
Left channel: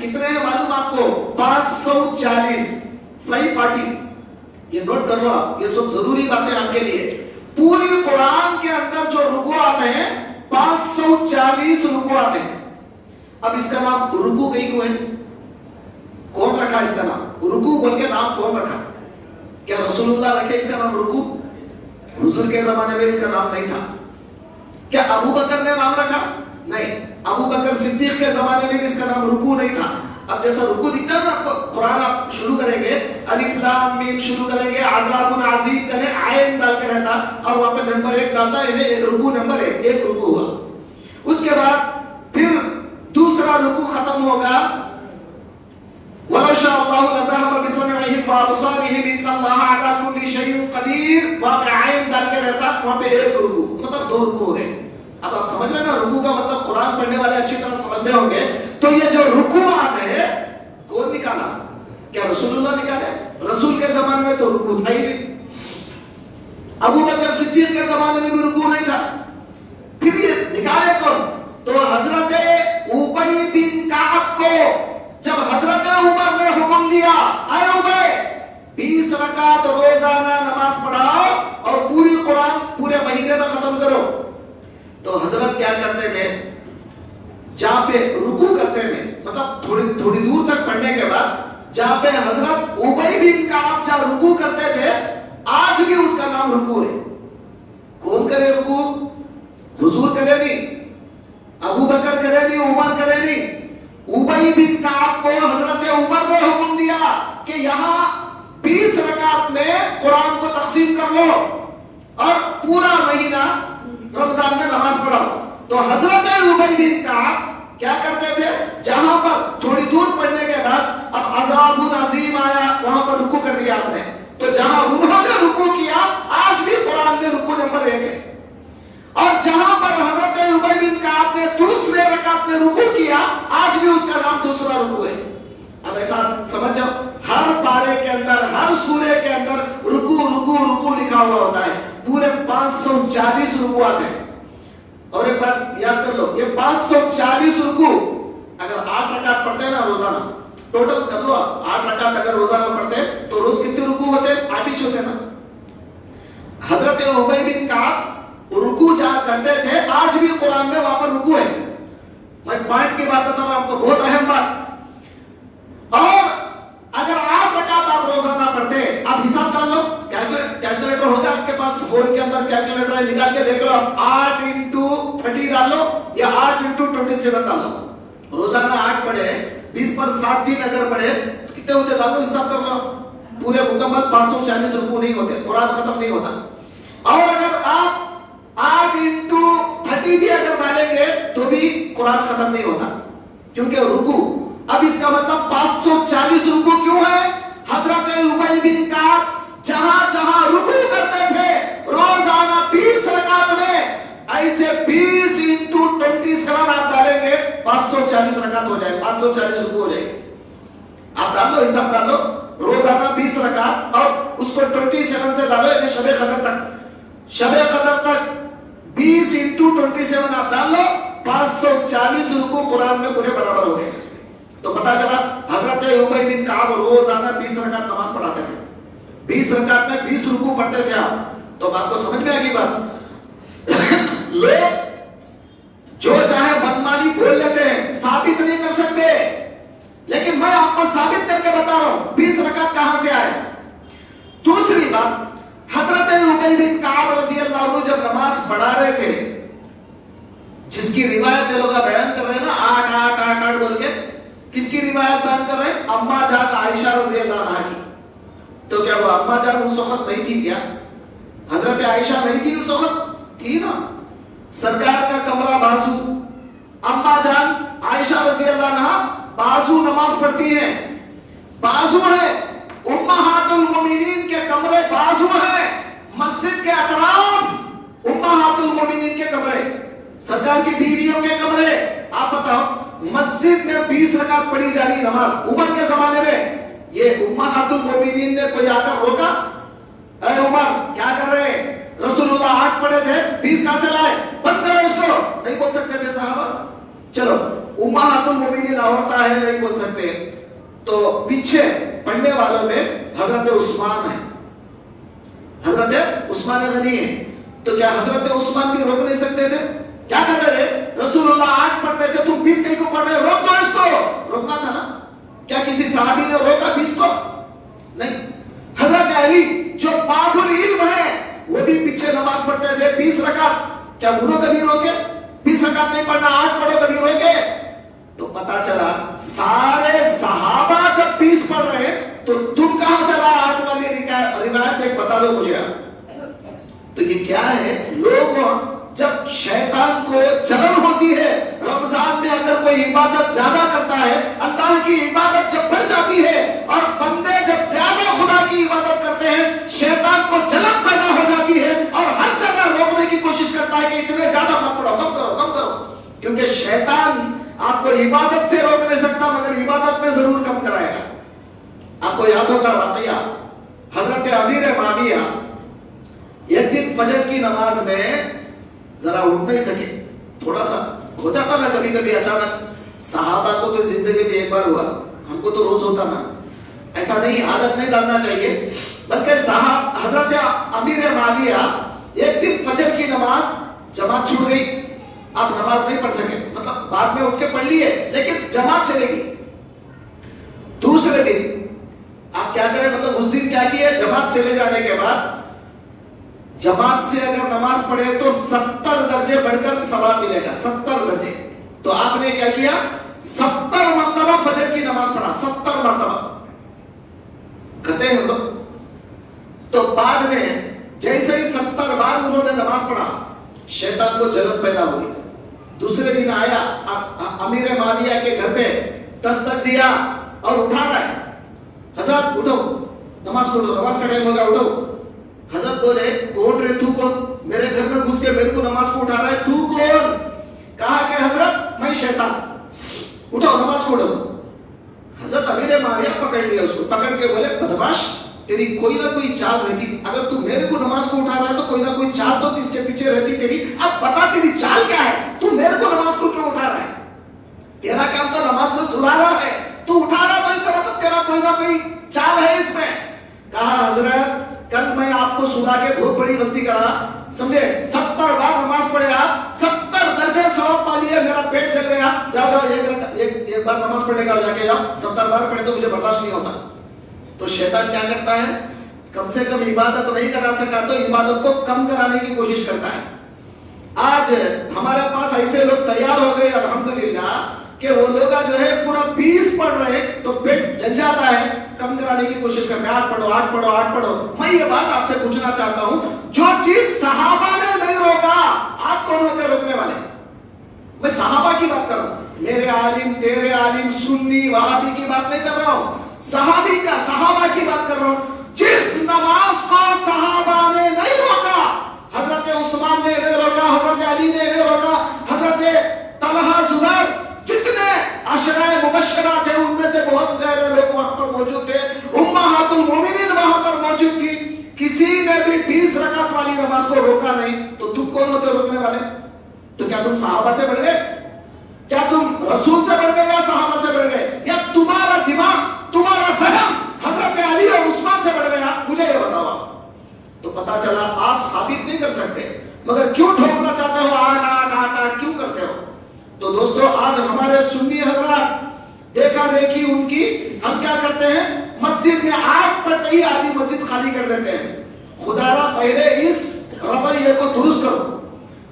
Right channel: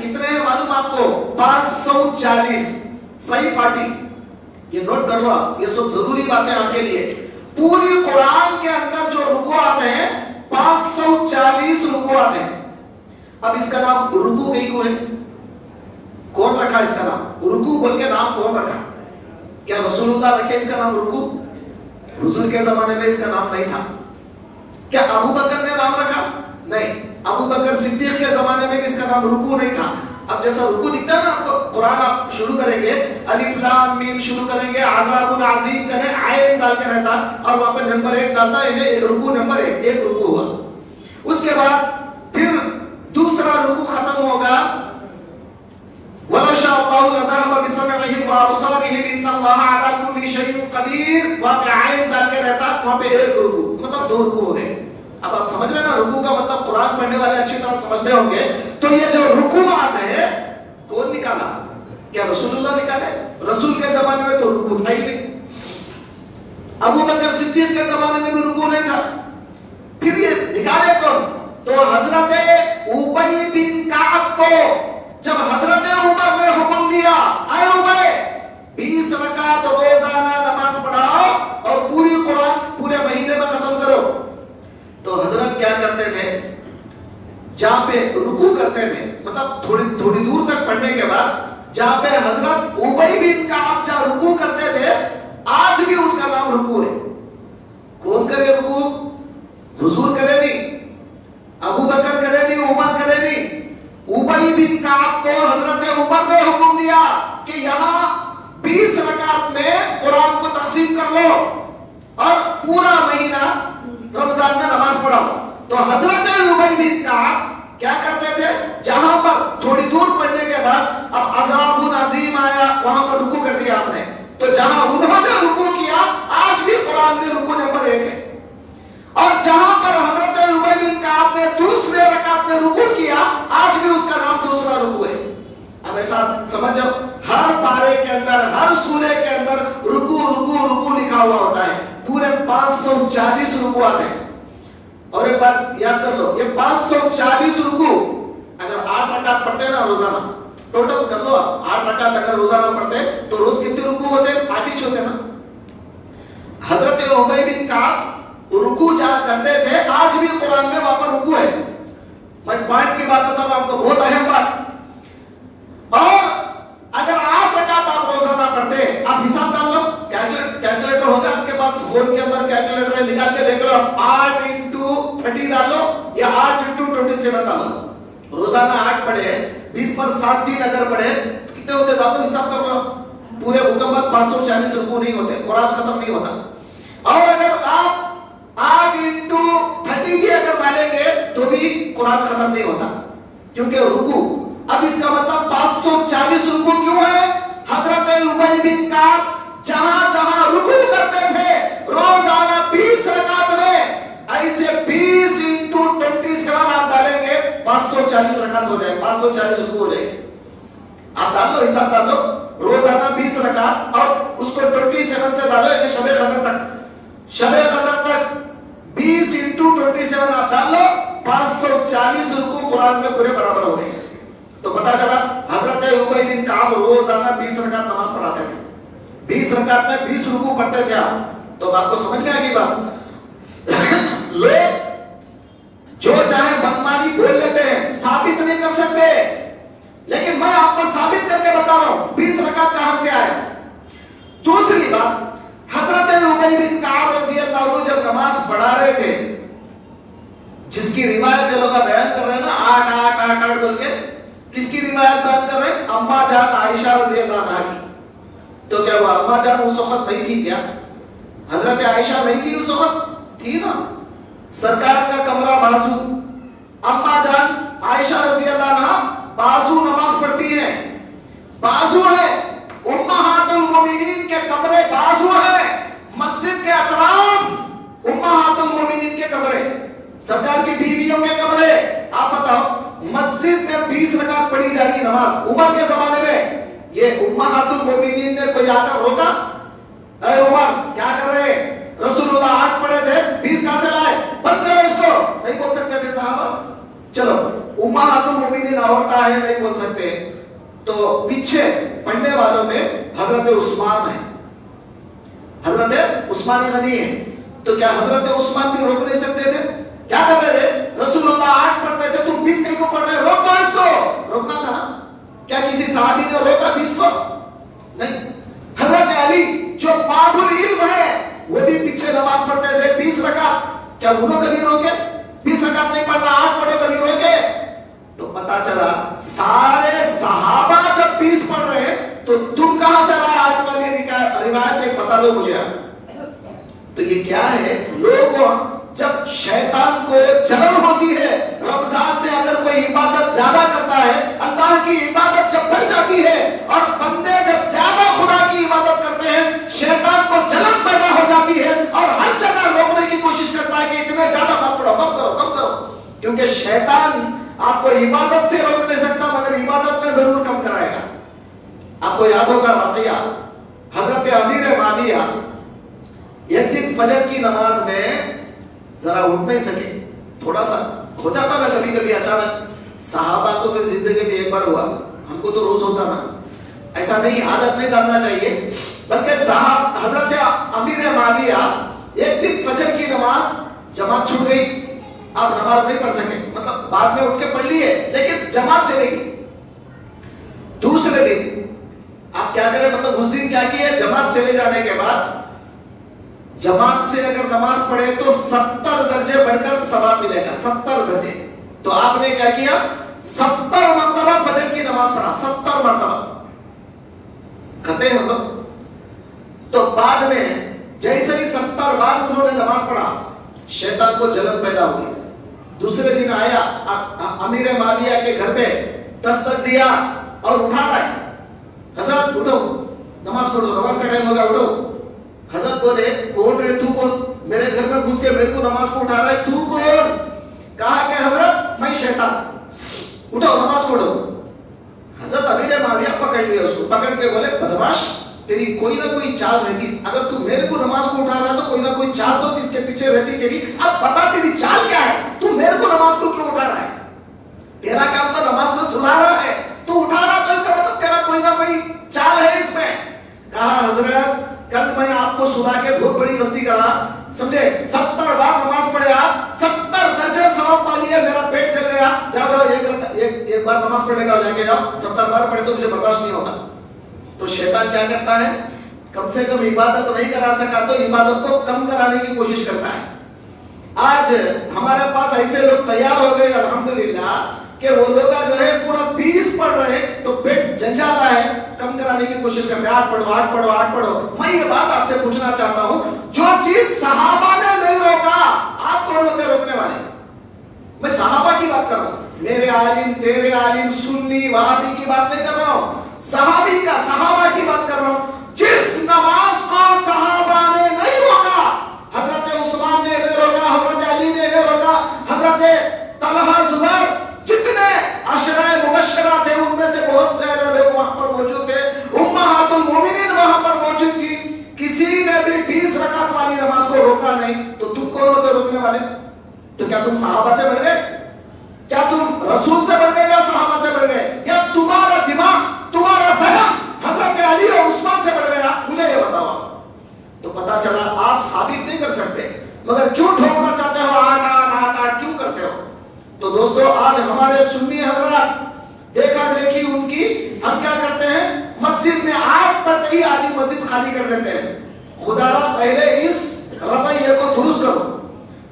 کتنے ہیں معلوم آپ کو؟ 540. 540. یہ نوٹ کر لو آپ، یہ سب ضروری باتیں آپ کے لیے. پوری قرآن کے اندر جو رکوعات ہیں 540 رکوعات ہیں. اب اس کا نام رکوع کہیں کو ہے؟ کون رکھا اس کا نام؟ رکوع بول کے نام کون رکھا؟ کیا رسول اللہ رکھے اس کا نام رکوع؟ حضور کے زمانے میں اس کا نام نہیں تھا. کیا ابو بکر نے نام رکھا؟ نہیں. ابو بکر صدیق کے زمانے میں اس کا نام رکوع نہیں تھا. اب جیسا رکوع دکھتا ہے نا آپ کو، قرآن آپ شروع کریں گے الف لام میم شروع کریں گے، عذاب عظیم کریں، عین ڈال کے رہتا اور وہاں پہ نمبر 1 ڈالتا ہے، رکوع نمبر 1 ایک رکوع ہوا. اس کے بعد پھر دوسرا رکوع ختم ہوگا، وَلَوْ شَاءَ اللَّهُ لَذَهَبَ بِسَمْعِهِمْ وَأَبْصَارِهِمْ إِنَّ اللَّهَ عَلَىٰ كُلِّ شَيْءٍ قَدِيرٌ. وہاں پہ عین ڈال کے رہتا، وہاں پہ ایک رکوع، مطلب 2 رکوع ہو گئے. اب آپ سمجھ رہے ہیں نا رکوع کا مطلب؟ قرآن پڑھنے والے اچھی طرح سمجھتے ہوں گے. تو یہ جو رکوعات ہے کون نکالا؟ کیا رسول اللہ نکالے؟ رسول کے زمانے میں تو رکوع تھا ہی نہیں. ابو بکر صدیق کے زمانے میں بھی رکوع نہیں تھا. پھر یہ نکالے کون؟ تو حضرت ابی بن کعب کو جب حضرت عمر نے حکم دیا، اے ابی 20 رکعت روزانہ نماز پڑھاؤ اور پوری قرآن پورے مہینے میں ختم کرو، تو حضرت کیا کرتے تھے؟ جہاں پہ رکوع کرتے تھے، مطلب تھوڑی دور تک پڑھنے کے بعد جہاں پہ حضرت ابی بن کعب جہاں رکوع کرتے تھے، آج بھی اس کا نام رکوع ہے. کون کرے رکوع؟ حضور کرے نہیں، ابو بکر کرے نہیں، عمر کرے نہیں. ابی بن کعب کو حضرت عمر نے حکم دیا کہ یہاں 20 رکعت میں قرآن کو تقسیم کر لو اور پورا مہینہ رمضان میں نماز پڑھاؤ. تو حضرت ابی بن کعب کیا کرتے تھے؟ جہاں پر تھوڑی دور پڑھنے کے بعد اب عذاب عظیم آیا، وہاں پر رکوع کر دیا آپ نے. تو جہاں انہوں نے رکوع کیا، آج بھی قرآن میں رکوع نمبر 1 ہے. اور جہاں پر حضرت ابی بن کعب نے دوسرے رکعت میں رکوع کیا، آج بھی اس کا نام دوسرا رکوع ہے. اب ایسا سمجھو ہر پارے کے اندر، ہر سورے کے اندر رکوع رکوع رکوع لکھا ہوا ہوتا ہے. پورے 540 رکوعات ہیں. اور ایک بات یاد کر لو، یہ 540 رکوع اگر 8 رکعت پڑھتے ہیں نا روزانہ، ٹوٹل کر لو آپ، 8 رکعت اگر روزانہ پڑھتے تو روز کتنے رکوع ہوتے؟ 8 ہی ہوتے نا. حضرت ابی بن کعب رکوع جہاں کرتے تھے، آج بھی قرآن میں وہاں پر رکوع ہے. میں پوائنٹ کی بات بتا رہا ہوں آپ کو، بہت اہم بات. اور اگر 8 رکعت آپ روزانہ پڑھتے، آپ حساب ڈال لو، کیلکولیٹر ہوگا آپ کے پاس، فون کے اندر کیلکولیٹر ہے، نکال کے دیکھ لو. 8 into 30 ڈال لو یا 8 into 27 ڈال لو. روزانہ 8 پڑھے، 20 پر 7 دن اگر پڑھے کتنے ہوتے؟ ڈال لو، حساب کر لو. پورے مکمل 540 رکوع نہیں ہوتے، قرآن ختم نہیں ہوتا. اور اگر آپ 8 into 30 بھی اگر ڈالیں گے تو بھی قرآن ختم نہیں ہوتا، کیونکہ رکوع. اب اس کا مطلب 540 رکوع کیوں ہے؟ حضرت ابی بن کعب جہاں جہاں رکوع کرتے تھے روزانہ 20 رکعت میں، ایسے 20 into 27 آپ ڈالیں گے 540 رکعت ہو جائے، 540 رکوع ہو جائے. آپ ڈال لو، حساب ڈال لو. روزانہ 20 رکعت اور اس کو 27 سے ڈالو، یعنی شب قدر تک، شب قدر تک 20 into 27 آپ ڈال لو، 540 رکوع قرآن میں پورے برابر ہو گئے. تو پتا چلا حضرت ابی بن کعب روزانہ 20 رکعت نماز پڑھاتے تھے. 20 رکعت میں 20 رکوع پڑھتے تھے آپ. تو آپ کو سمجھ میں آ گئی بات؟ لوگ جو چاہے منمانی بول لیتے ہیں، ثابت نہیں کر سکتے. لیکن میں آپ کو ثابت کر کے بتا رہا ہوں 20 رکعت کہاں سے آئے. دوسری بات، حضرت ابی بن کعب رضی اللہ عنہ جب نماز پڑھا رہے تھے، جس کی روایت یہ لوگ بیان کر رہے ہیں نا 8 8 8 8 بول کے، کس کی روایت بیان کر رہے ہیں؟ اما جان عائشہ رضی اللہ عنہا کی. تو کیا وہ اما جان اس وقت نہیں تھی کیا؟ حضرت عائشہ نہیں تھی اس وقت؟ تھی نا. سرکار کا کمرہ بازو، اما جان عائشہ رضی اللہ عنہا بازو نماز پڑھتی ہیں، بازو ہے. امہات المومنین کے کمرے بازو ہیں، مسجد کے اطراف امہات المومنین کے کمرے، سرکار کی بیویوں کے کمرے. آپ بتاؤ مسجد میں 20 رکعت پڑھی جا رہی نماز عمر کے زمانے میں، یہ امہات المومنین نے کوئی آ کر روکا؟ اے عمر کیا کر رہے ہیں؟ رسول اللہ 8 پڑھے تھے، 20 کہاں سے لائے؟ بند کرو اس کو. نہیں بول سکتے تھے صحابہ. چلو امہات المومنین عورتیں ہیں نہیں بول سکتے. تو پیچھے پڑھنے والوں میں حضرت عثمان ہے, حضرت عثمان غنی ہے. تو کیا حضرت عثمان بھی روک نہیں سکتے تھے؟ کیا کرتے تھے؟ رسول اللہ 8 پڑھتے تھے, تم 20 کہیں کو پڑھ رہے, روک دو اس کو. روکنا تھا نا. کیا کسی صحابی نے روکا 20 کو؟ نہیں. حضرت علی جو باب العلم ہے وہ بھی پیچھے نماز پڑھتے تھے 20 رکعت. کیا انہوں کبھی روکے؟ 20 رکعت نہیں پڑھنا, 8 پڑھو, کبھی روکے؟ تو پتا چلا سارے صحابہ جب 20 پڑھ رہے ہیں تو تم کہاں سے لائے 8 والی روایت؟ ایک بتا دو مجھے. تو یہ کیا ہے؟ لوگ جب شیطان کو جلن ہوتی ہے, رمضان میں اگر کوئی عبادت زیادہ کرتا ہے, اللہ کی عبادت جب بڑھ جاتی ہے اور بندے جب زیادہ خدا کی عبادت کرتے ہیں, شیطان کو جلن پیدا ہو جاتی ہے اور ہر جگہ روکنے کی کوشش کرتا ہے کہ اتنے زیادہ مت پڑھو, کم کرو کم کرو. کیونکہ شیطان آپ کو عبادت سے روک نہیں سکتا مگر عبادت میں ضرور کم کرائے گا. آپ کو یاد ہوگا واقعہ حضرت امیر معاویہ ایک دن فجر کی نماز میں ذرا اٹھ نہیں سکے, تھوڑا سا ہو جاتا ہے کبھی کبھی اچانک. صحابہ کو تو زندگی میں ایک بار ہوا, ہم کو تو روز ہوتا نا. ایسا نہیں, عادت نہیں ڈالنا چاہیے. بلکہ حضرت امیر معاویہ ایک دن فجر کی نماز جماعت چھوٹ گئی, آپ نماز نہیں پڑھ سکے, مطلب بعد میں اٹھ کے پڑھ لیے لیکن جماعت چلے گی. دوسرے دن آپ کیا کریں, مطلب اس دن کیا کیے, جماعت چلے جانے کے بعد جماعت سے اگر نماز پڑھے تو 70 درجے بڑھ کر ثواب ملے گا, 70 درجے. تو آپ نے کیا کیا, 70 مرتبہ فجر کی نماز پڑھا, 70 مرتبہ کرتے ہیں لوگ. تو بعد میں جیسے ہی 70 بار انہوں نے نماز پڑھا, شیطان کو جلن پیدا ہوئی. دوسرے دن آیا, امیر معاویہ کے گھر پہ دستک دیا اور اٹھا رہا ہے, حضرت اٹھو نماز پڑھو, نماز کا ٹائم ہوگا, اٹھو. حضرت بولے کون ہے تو, کون میرے گھر میں گھس کے میرے کو نماز کو اٹھا رہا ہے, تو کون؟ کہا کہ حضرت میں شیطان, اٹھو نماز پڑھو. حضرت امیر معاویہ پکڑ لیا اس کو, پکڑ کے بولے بدماش, تیری کوئی نہ کوئی چال رہتی, اگر تو میرے کو نماز کو اٹھا رہا تو کوئی نہ کوئی چال تو کس کے پیچھے رہتی تیری. اب بتا تیری چال کیا ہے, تو میرے کو نماز کو کیوں اٹھا رہا ہے؟ تیرا کام تو نماز سے سنا رہا ہے, تو اٹھا رہا تو اس کا مطلب تیرا کوئی نہ کوئی چال ہے اس میں. کہا حضرت کل میں آپ کو سنا کے بہت بڑی غلطی کرا, سمجھے, 70 بار نماز پڑھے آپ, 70 درجے ثواب پا لیے, میرا پیٹ چل گیا, جاؤ جاؤ ایک بار نماز پڑھنے کا جا کے جاؤ, 70 بار پڑھے تو مجھے برداشت نہیں ہوتا. تو شیطان کیا کرتا ہے, کم سے کم عبادت نہیں کرا سکا تو عبادت کو کم کرانے کی کوشش کرتا ہے. آج ہمارے پاس ایسے لوگ تیار ہو گئے الحمدللہ کہ وہ لوگ جو ہے پورا 20 پڑھ رہے تو پیٹ جل جاتا ہے, کم کرانے کی کوشش کرتے ہیں, 8 پڑھو 8 پڑھو 8 پڑھو. میں یہ بات آپ سے پوچھنا چاہتا ہوں, جو چیز صحابہ نے نہیں روکا, آپ کون ہوتے روکنے والے؟ میں صحابہ کی بات کر رہا ہوں, میرے عالم تیرے عالم سنی وہابی کی بات نہیں کر رہا ہوں, صحابی کا صحابہ کی بات کر رہا ہوں. جس نماز کو صحابہ نے نہیں روکا, حضرت عثمان نے نہیں روکا, حضرت علی نے نہیں روکا, حضرت طلحہ زبیر جتنے عشرہ مبشرہ تھے ان میں سے بہت سارے لوگ وہاں پر موجود تھے, امہات المومنین وہاں پر موجود تھی, کسی نے بھی 20 رکعت والی نماز کو روکا نہیں. تو تم کون ہوتے روکنے والے؟ تو کیا تم صحابہ سے بڑھ گئے, کیا تم رسول سے بڑھ گئے یا صحابہ سے بڑھ گئے, یا تمہارا دماغ تمہارا فہم حضرت علی اور عثمان سے بڑھ گیا؟ مجھے یہ بتاؤ. تو پتا چلا آپ ثابت نہیں کر سکتے مگر کیوں ٹھوکنا چاہتے ہو, آٹ کیوں کرتے ہو؟ تو دوستو آج ہمارے سنی حضرات دیکھا دیکھی ان کی, ہم کیا کرتے ہیں, مسجد میں 8 پڑھتے ہی آدھی مسجد خالی کر دیتے ہیں. خدا را پہلے اس رویے کو درست کرو,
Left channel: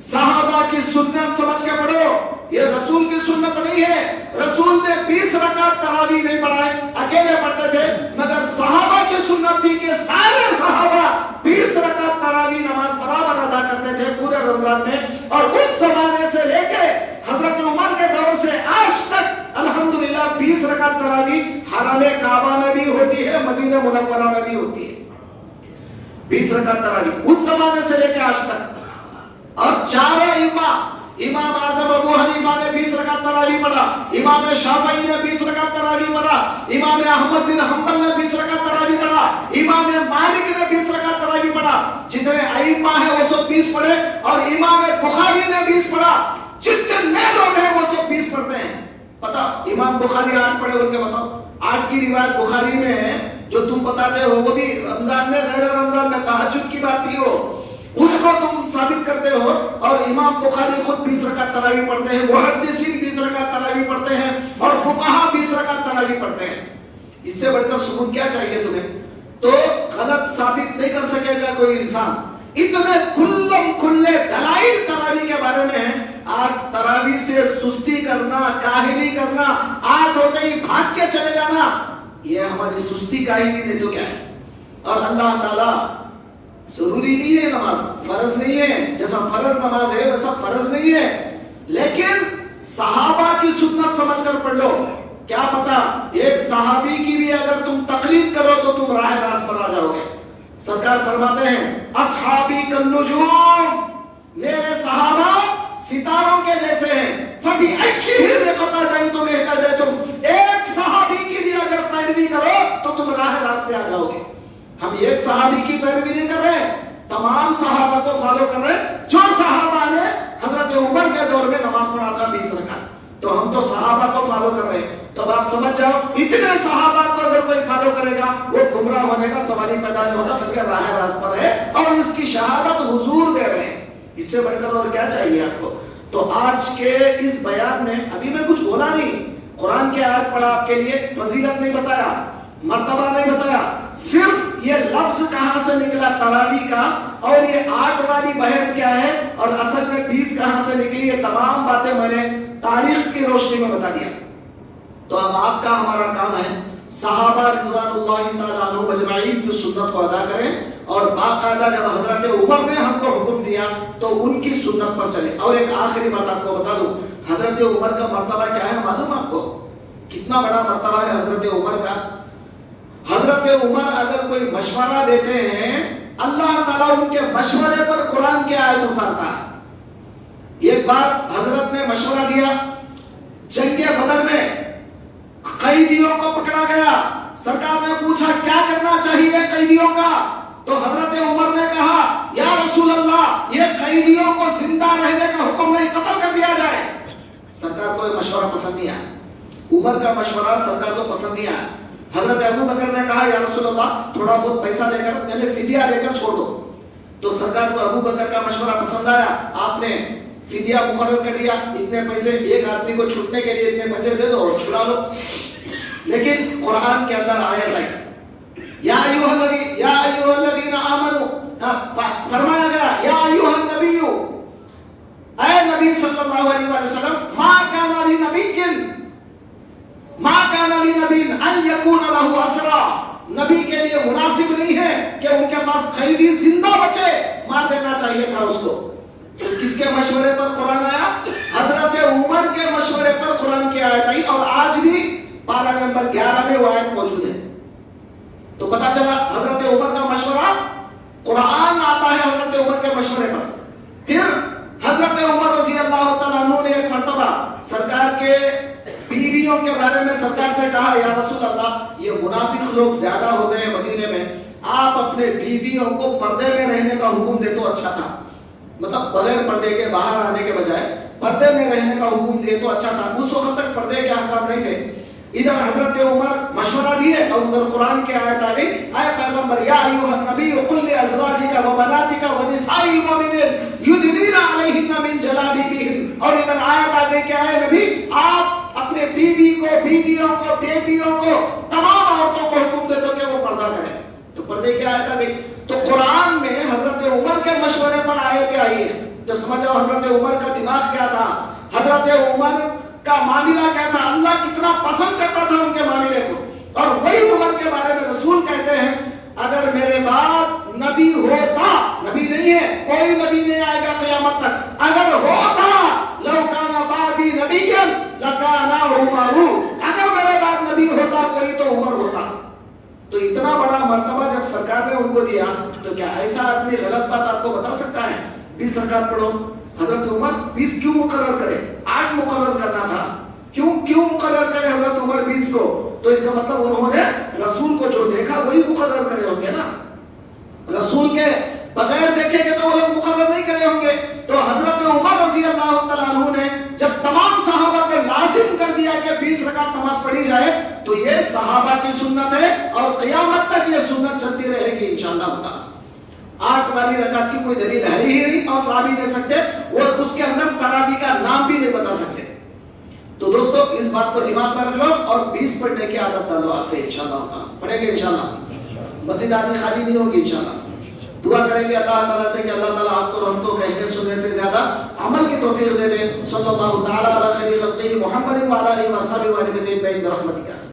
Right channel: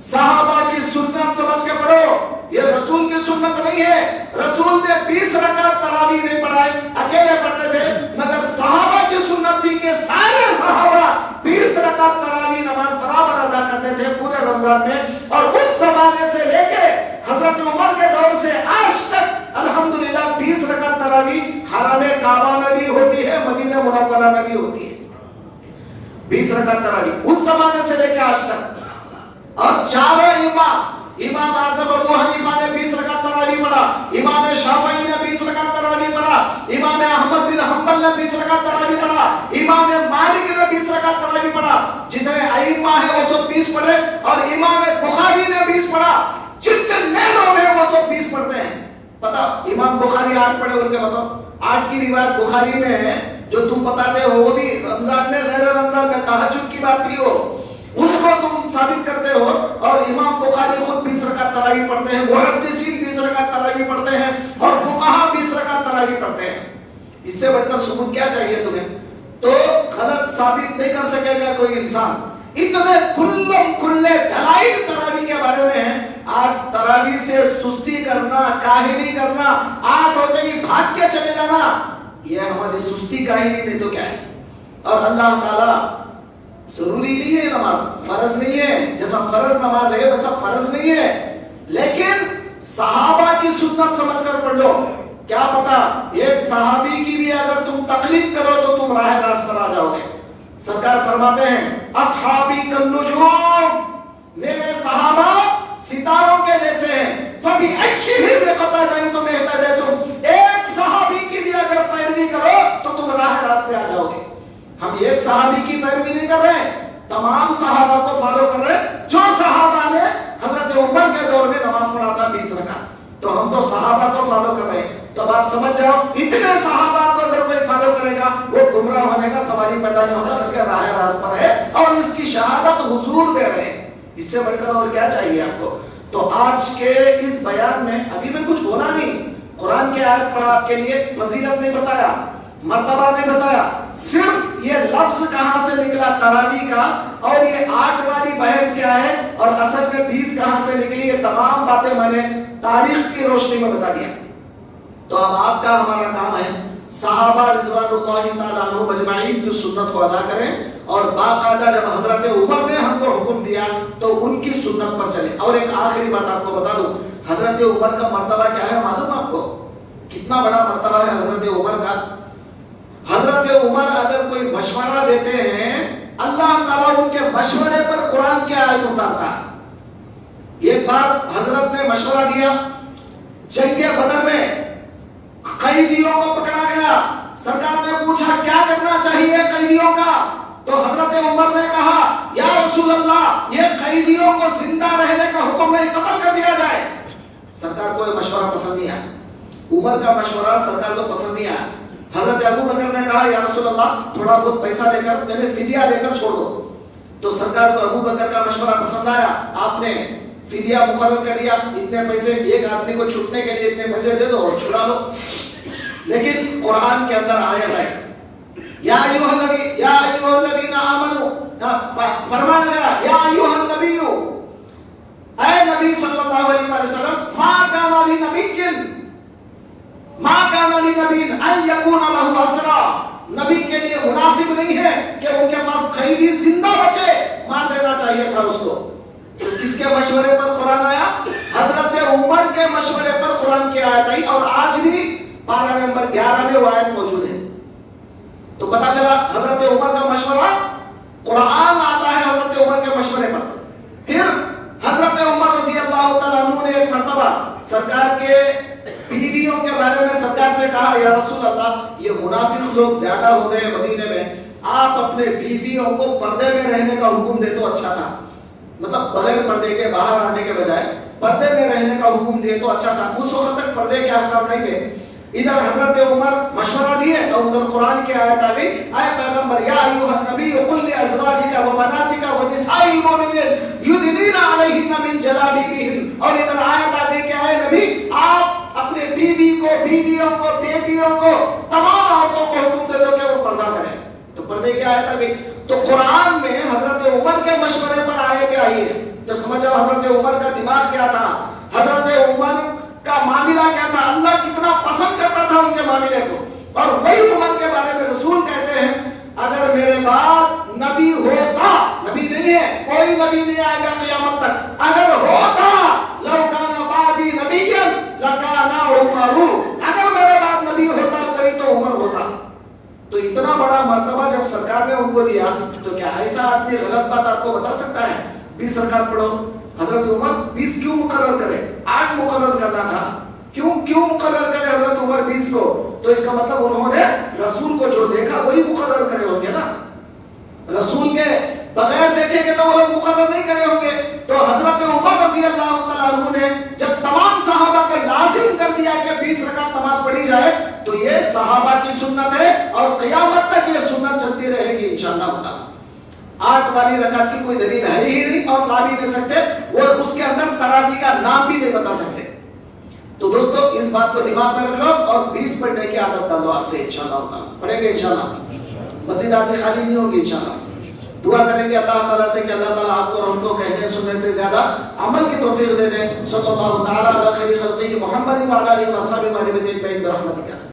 صحابہ کی سنت سمجھ کے پڑھو, یہ رسول کی سنت نہیں ہے. رسول نے 20 رکعت تراویح نہیں پڑھائے, اکیلے پڑھتے تھے, مگر صحابہ کی سنت تھی کہ سارے صحابہ 20 رکعت تراویح نماز برابر ادا کرتے تھے پورے رمضان میں. اور اس زمانے سے لے کے حضرت عمر کے دور سے آج تک الحمدللہ 20 رکعت تراویح حرم کعبہ میں بھی ہوتی ہے, مدینہ منورہ میں بھی ہوتی ہے. 20 رکعت تراویح اس زمانے سے لے کے آج تک. اور چاروں امام اعظم ابو حنیفہ نے 20 رکعت تراویح پڑھا, امام شافعی نے 20 رکعت تراویح پڑھا, امام احمد بن حنبل نے 20 رکعت تراویح پڑھا, امام مالک نے 20 رکعت تراویح پڑھا. جتنے ائمہ ہیں وہ سب 20 پڑھے, اور امام بخاری نے 20 پڑھا. جتنے لوگ ہیں وہ سب 20 پڑھتے ہیں. پتا امام بخاری 8 پڑھے بول کے بتاؤ. 8 کی روایت بخاری میں ہے جو تم بتاتے ہو، وہ بھی رمضان میں غیر رمضان میں تہجد کی بات تھی، وہ اس کو تم ثابت کرتے ہو. اور امام بخاری خود 20 رکعت تراویح پڑھتے ہیں، محدثین 20 رکعت تراویح پڑھتے ہیں، اور فقہا 20 رکعت تراویح پڑھتے ہیں. اس سے بڑھ کر ثبوت کیا چاہیے تمہیں؟ تو غلط ثابت نہیں کر سکے گا کوئی انسان. اتنے کھلے دلائل تراویح کے بارے میں ہیں. آج تراویح سے سستی کرنا، کاہلی کرنا، 8 ہوتے ہی بھاگ کے چلے جانا، یہ ہماری سستی کاہلی نہیں تو کیا ہے؟ اور اللہ تعالیٰ ضروری نہیں ہے نماز، فرض نہیں ہے، جیسا فرض نماز ہے ویسا فرض نہیں ہے، لیکن صحابہ کی سنت سمجھ کر پڑھ لو. کیا پتا ایک صحابی کی بھی اگر تم تقلید کرو تو تم راہ راست پر آ جاؤ گے. سرکار فرماتے ہیں اصحابی کالنجوم، میرے صحابہ ستاروں کے جیسے ہیں. فَبِأَيِّهِمْ اقْتَدَيْتُمْ اهْتَدَيْتُمْ، ایک صحابی کی بھی اگر پیروی کرو تو تم راہ راست پہ آ جاؤ گے. ہم ایک صحابی کی پیروی نہیں کر رہے، تمام صحابہ کو فالو کر رہے ہیں. جو صحابہ نے حضرت عمر کے دور میں نماز پڑھا تھا 20 رکعت، تو ہم تو صحابہ کو فالو کر رہے ہیں. تو اب آپ سمجھ جاؤ اتنے صحابہ کو اگر کوئی فالو کرے گا وہ گمراہ ہونے کا سوال ہی پیدا نہیں ہوتا، بلکہ راہ راست پر ہے اور اس کی شہادت حضور دے رہے ہیں. اس سے بڑھ کر اور کیا چاہیے آپ کو؟ تو آج کے اس بیان میں ابھی میں کچھ بولا نہیں، قرآن کی آیت پڑھا آپ کے لیے، فضیلت نہیں بتایا، مرتبہ نہیں بتایا، صرف یہ لفظ کہاں سے نکلا تراویح کا، اور یہ 8 والی بحث کیا ہے، اور اصل میں 20 کہاں سے نکلی، یہ تمام باتیں میں نے تاریخ کی روشنی میں بتا دیا. تو اب آپ کا ہمارا کام ہے صحابہ رضوان اللہ تعالیٰ عنہم اجمعین کی سنت کو ادا کریں، اور باقاعدہ جب حضرت عمر نے ہم کو حکم دیا تو ان کی سنت پر چلیں. اور ایک آخری بات آپ کو بتا دوں، حضرت عمر کا مرتبہ کیا ہے معلوم آپ کو؟ کتنا بڑا مرتبہ ہے حضرت عمر کا. حضرت عمر اگر کوئی مشورہ دیتے ہیں، اللہ تعالیٰ ان کے مشورے پر قرآن کی آیت اتارتا ہے. ایک بار حضرت نے مشورہ دیا، جنگ بدر میں قیدیوں کو پکڑا گیا. سرکار نے پوچھا کیا کرنا چاہیے قیدیوں کا، تو حضرت عمر نے کہا یا رسول اللہ یہ قیدیوں کو زندہ رہنے کا حکم نہیں، قتل کر دیا جائے. سرکار کو یہ مشورہ پسند نہیں آیا، عمر کا مشورہ سرکار کو پسند نہیں آیا. حضرت ابو بکر نے کہا یا رسول اللہ تھوڑا بہت پیسہ لے کر میرے فدیہ دے کر چھوڑ دو. تو سرکار کو ابو بکر کا مشورہ پسند آیا، آپ نے فدیہ مقرر کر دیا، اتنے پیسے ایک آدمی کو چھوٹنے کے لیے اتنے پیسے دے دو اور چھڑا لو. لیکن قرآن کے اندر آیت ہے یا ایھا الذین آمنوا، فرمایا گیا یا ایھا النبی، اے نبی صلی اللہ علیہ وسلم، ما کان لنبی ان یکون له اسرا، نبی کے لیے مناسب نہیں ہے کہ ان کے پاس قیدی زندہ بچے، مار دینا چاہیے تھا اس کو. کس کے مشورے پر قرآن آیا؟ حضرت عمر کے مشورے پر قرآن کی آیت آئی، اور آج بھی پارہ نمبر 11 میں وہ آیت موجود ہے. تو پتا چلا حضرت عمر کا مشورہ، قرآن آتا ہے حضرت عمر کے مشورے پر. پھر حضرت عمر رضی اللہ تعالیٰ عنہ نے ایک مرتبہ سرکار کے بیویوں کے بارے میں سرکار سے کہا یا رسول اللہ یہ منافق لوگ زیادہ ہو گئے مدینے میں، آپ اپنے بیویوں کو پردے میں رہنے کا حکم دے تو اچھا تھا. مطلب بغیر پردے کے باہر آنے کے بجائے پردے میں رہنے کا حکم دے تو اچھا تھا. اس وقت تک پردے کے احکام نہیں تھے. ادھر حضرت عمر مشورہ دیے اور ادھر قرآن کی آیت آ گئی، اے پیغمبر یا ایھا النبی قل لازواجک وبناتک ونساء المؤمنین یدنین علیہن من جلابیبہن، اور ادھر آیت آ گئی کہ اے نبی آپ اپنے بیوی کو، بیویوں کو، بیٹیوں کو، تمام عورتوں کو حکم دے دو کہ وہ پردہ کریں. تو پردے کی آیت آ گئی. تو قرآن میں حضرت عمر کے مشورے پر آیتیں آئی ہے. تو سمجھو حضرت عمر کا دماغ کیا تھا، حضرت عمر کا معاملہ کیا تھا، اللہ کتنا پسند کرتا تھا ان کے معاملے کو. اور وہی عمر کے بارے میں رسول کہتے ہیں اگر میرے بعد نبی ہوتا، نبی نہیں ہے، کوئی نبی نہیں آئے گا قیامت تک، اگر ہوتا لو کان بعدی نبیا لکان عمر، اگر میرے بعد نبی ہوتا کوئی تو عمر ہوتا. تو اتنا بڑا مرتبہ جب سرکار نے ان کو دیا تو کیا ایسا آدمی غلط بات آپ کو بتا سکتا ہے؟ 20 رکعت پڑھو. حضرت عمر 20 کیوں مقرر کرے؟ 8 مقرر کرنا تھا. کیوں مقرر کرے حضرت عمر 20 کو؟ تو اس کا مطلب انہوں نے رسول کو جو دیکھا وہی مقرر کرے ہوں گے نا. رسول کے بغیر دیکھے گے تو وہ لوگ مقرر نہیں کرے ہوں گے. تو حضرت عمر رضی اللہ تعالیٰ عنہ نے جب تمام صحابہ کو لازم کر دیا کہ 20 رکعت سنت ہے اور قیامت تک یہ سنت چلتی رہے گی انشاءاللہ تعالی۔ 8 والی رکعت کی کوئی دلیل ہے ہی نہیں اور لا بھی نہیں سکتے، وہ اس کے اندر تراویح کا نام بھی نہیں بتا سکتے۔ تو دوستو اس بات کو دماغ میں رکھ لو اور 20 پڑھنے کی عادت ڈالو آج سے انشاءاللہ تعالی۔ پڑھیں گے انشاءاللہ، مسجد آدھی خالی نہیں ہوگی انشاءاللہ۔ دعا کریں گے اللہ تعالیٰ سے کہ اللہ تعالیٰ آپ کو اور ہم کو کہنے سننے سے زیادہ عمل کی توفیق دے دے۔ صلی اللہ تعالیٰ علی خیر خلقہ محمد و علی آلہ و صحبہ برحمتک۔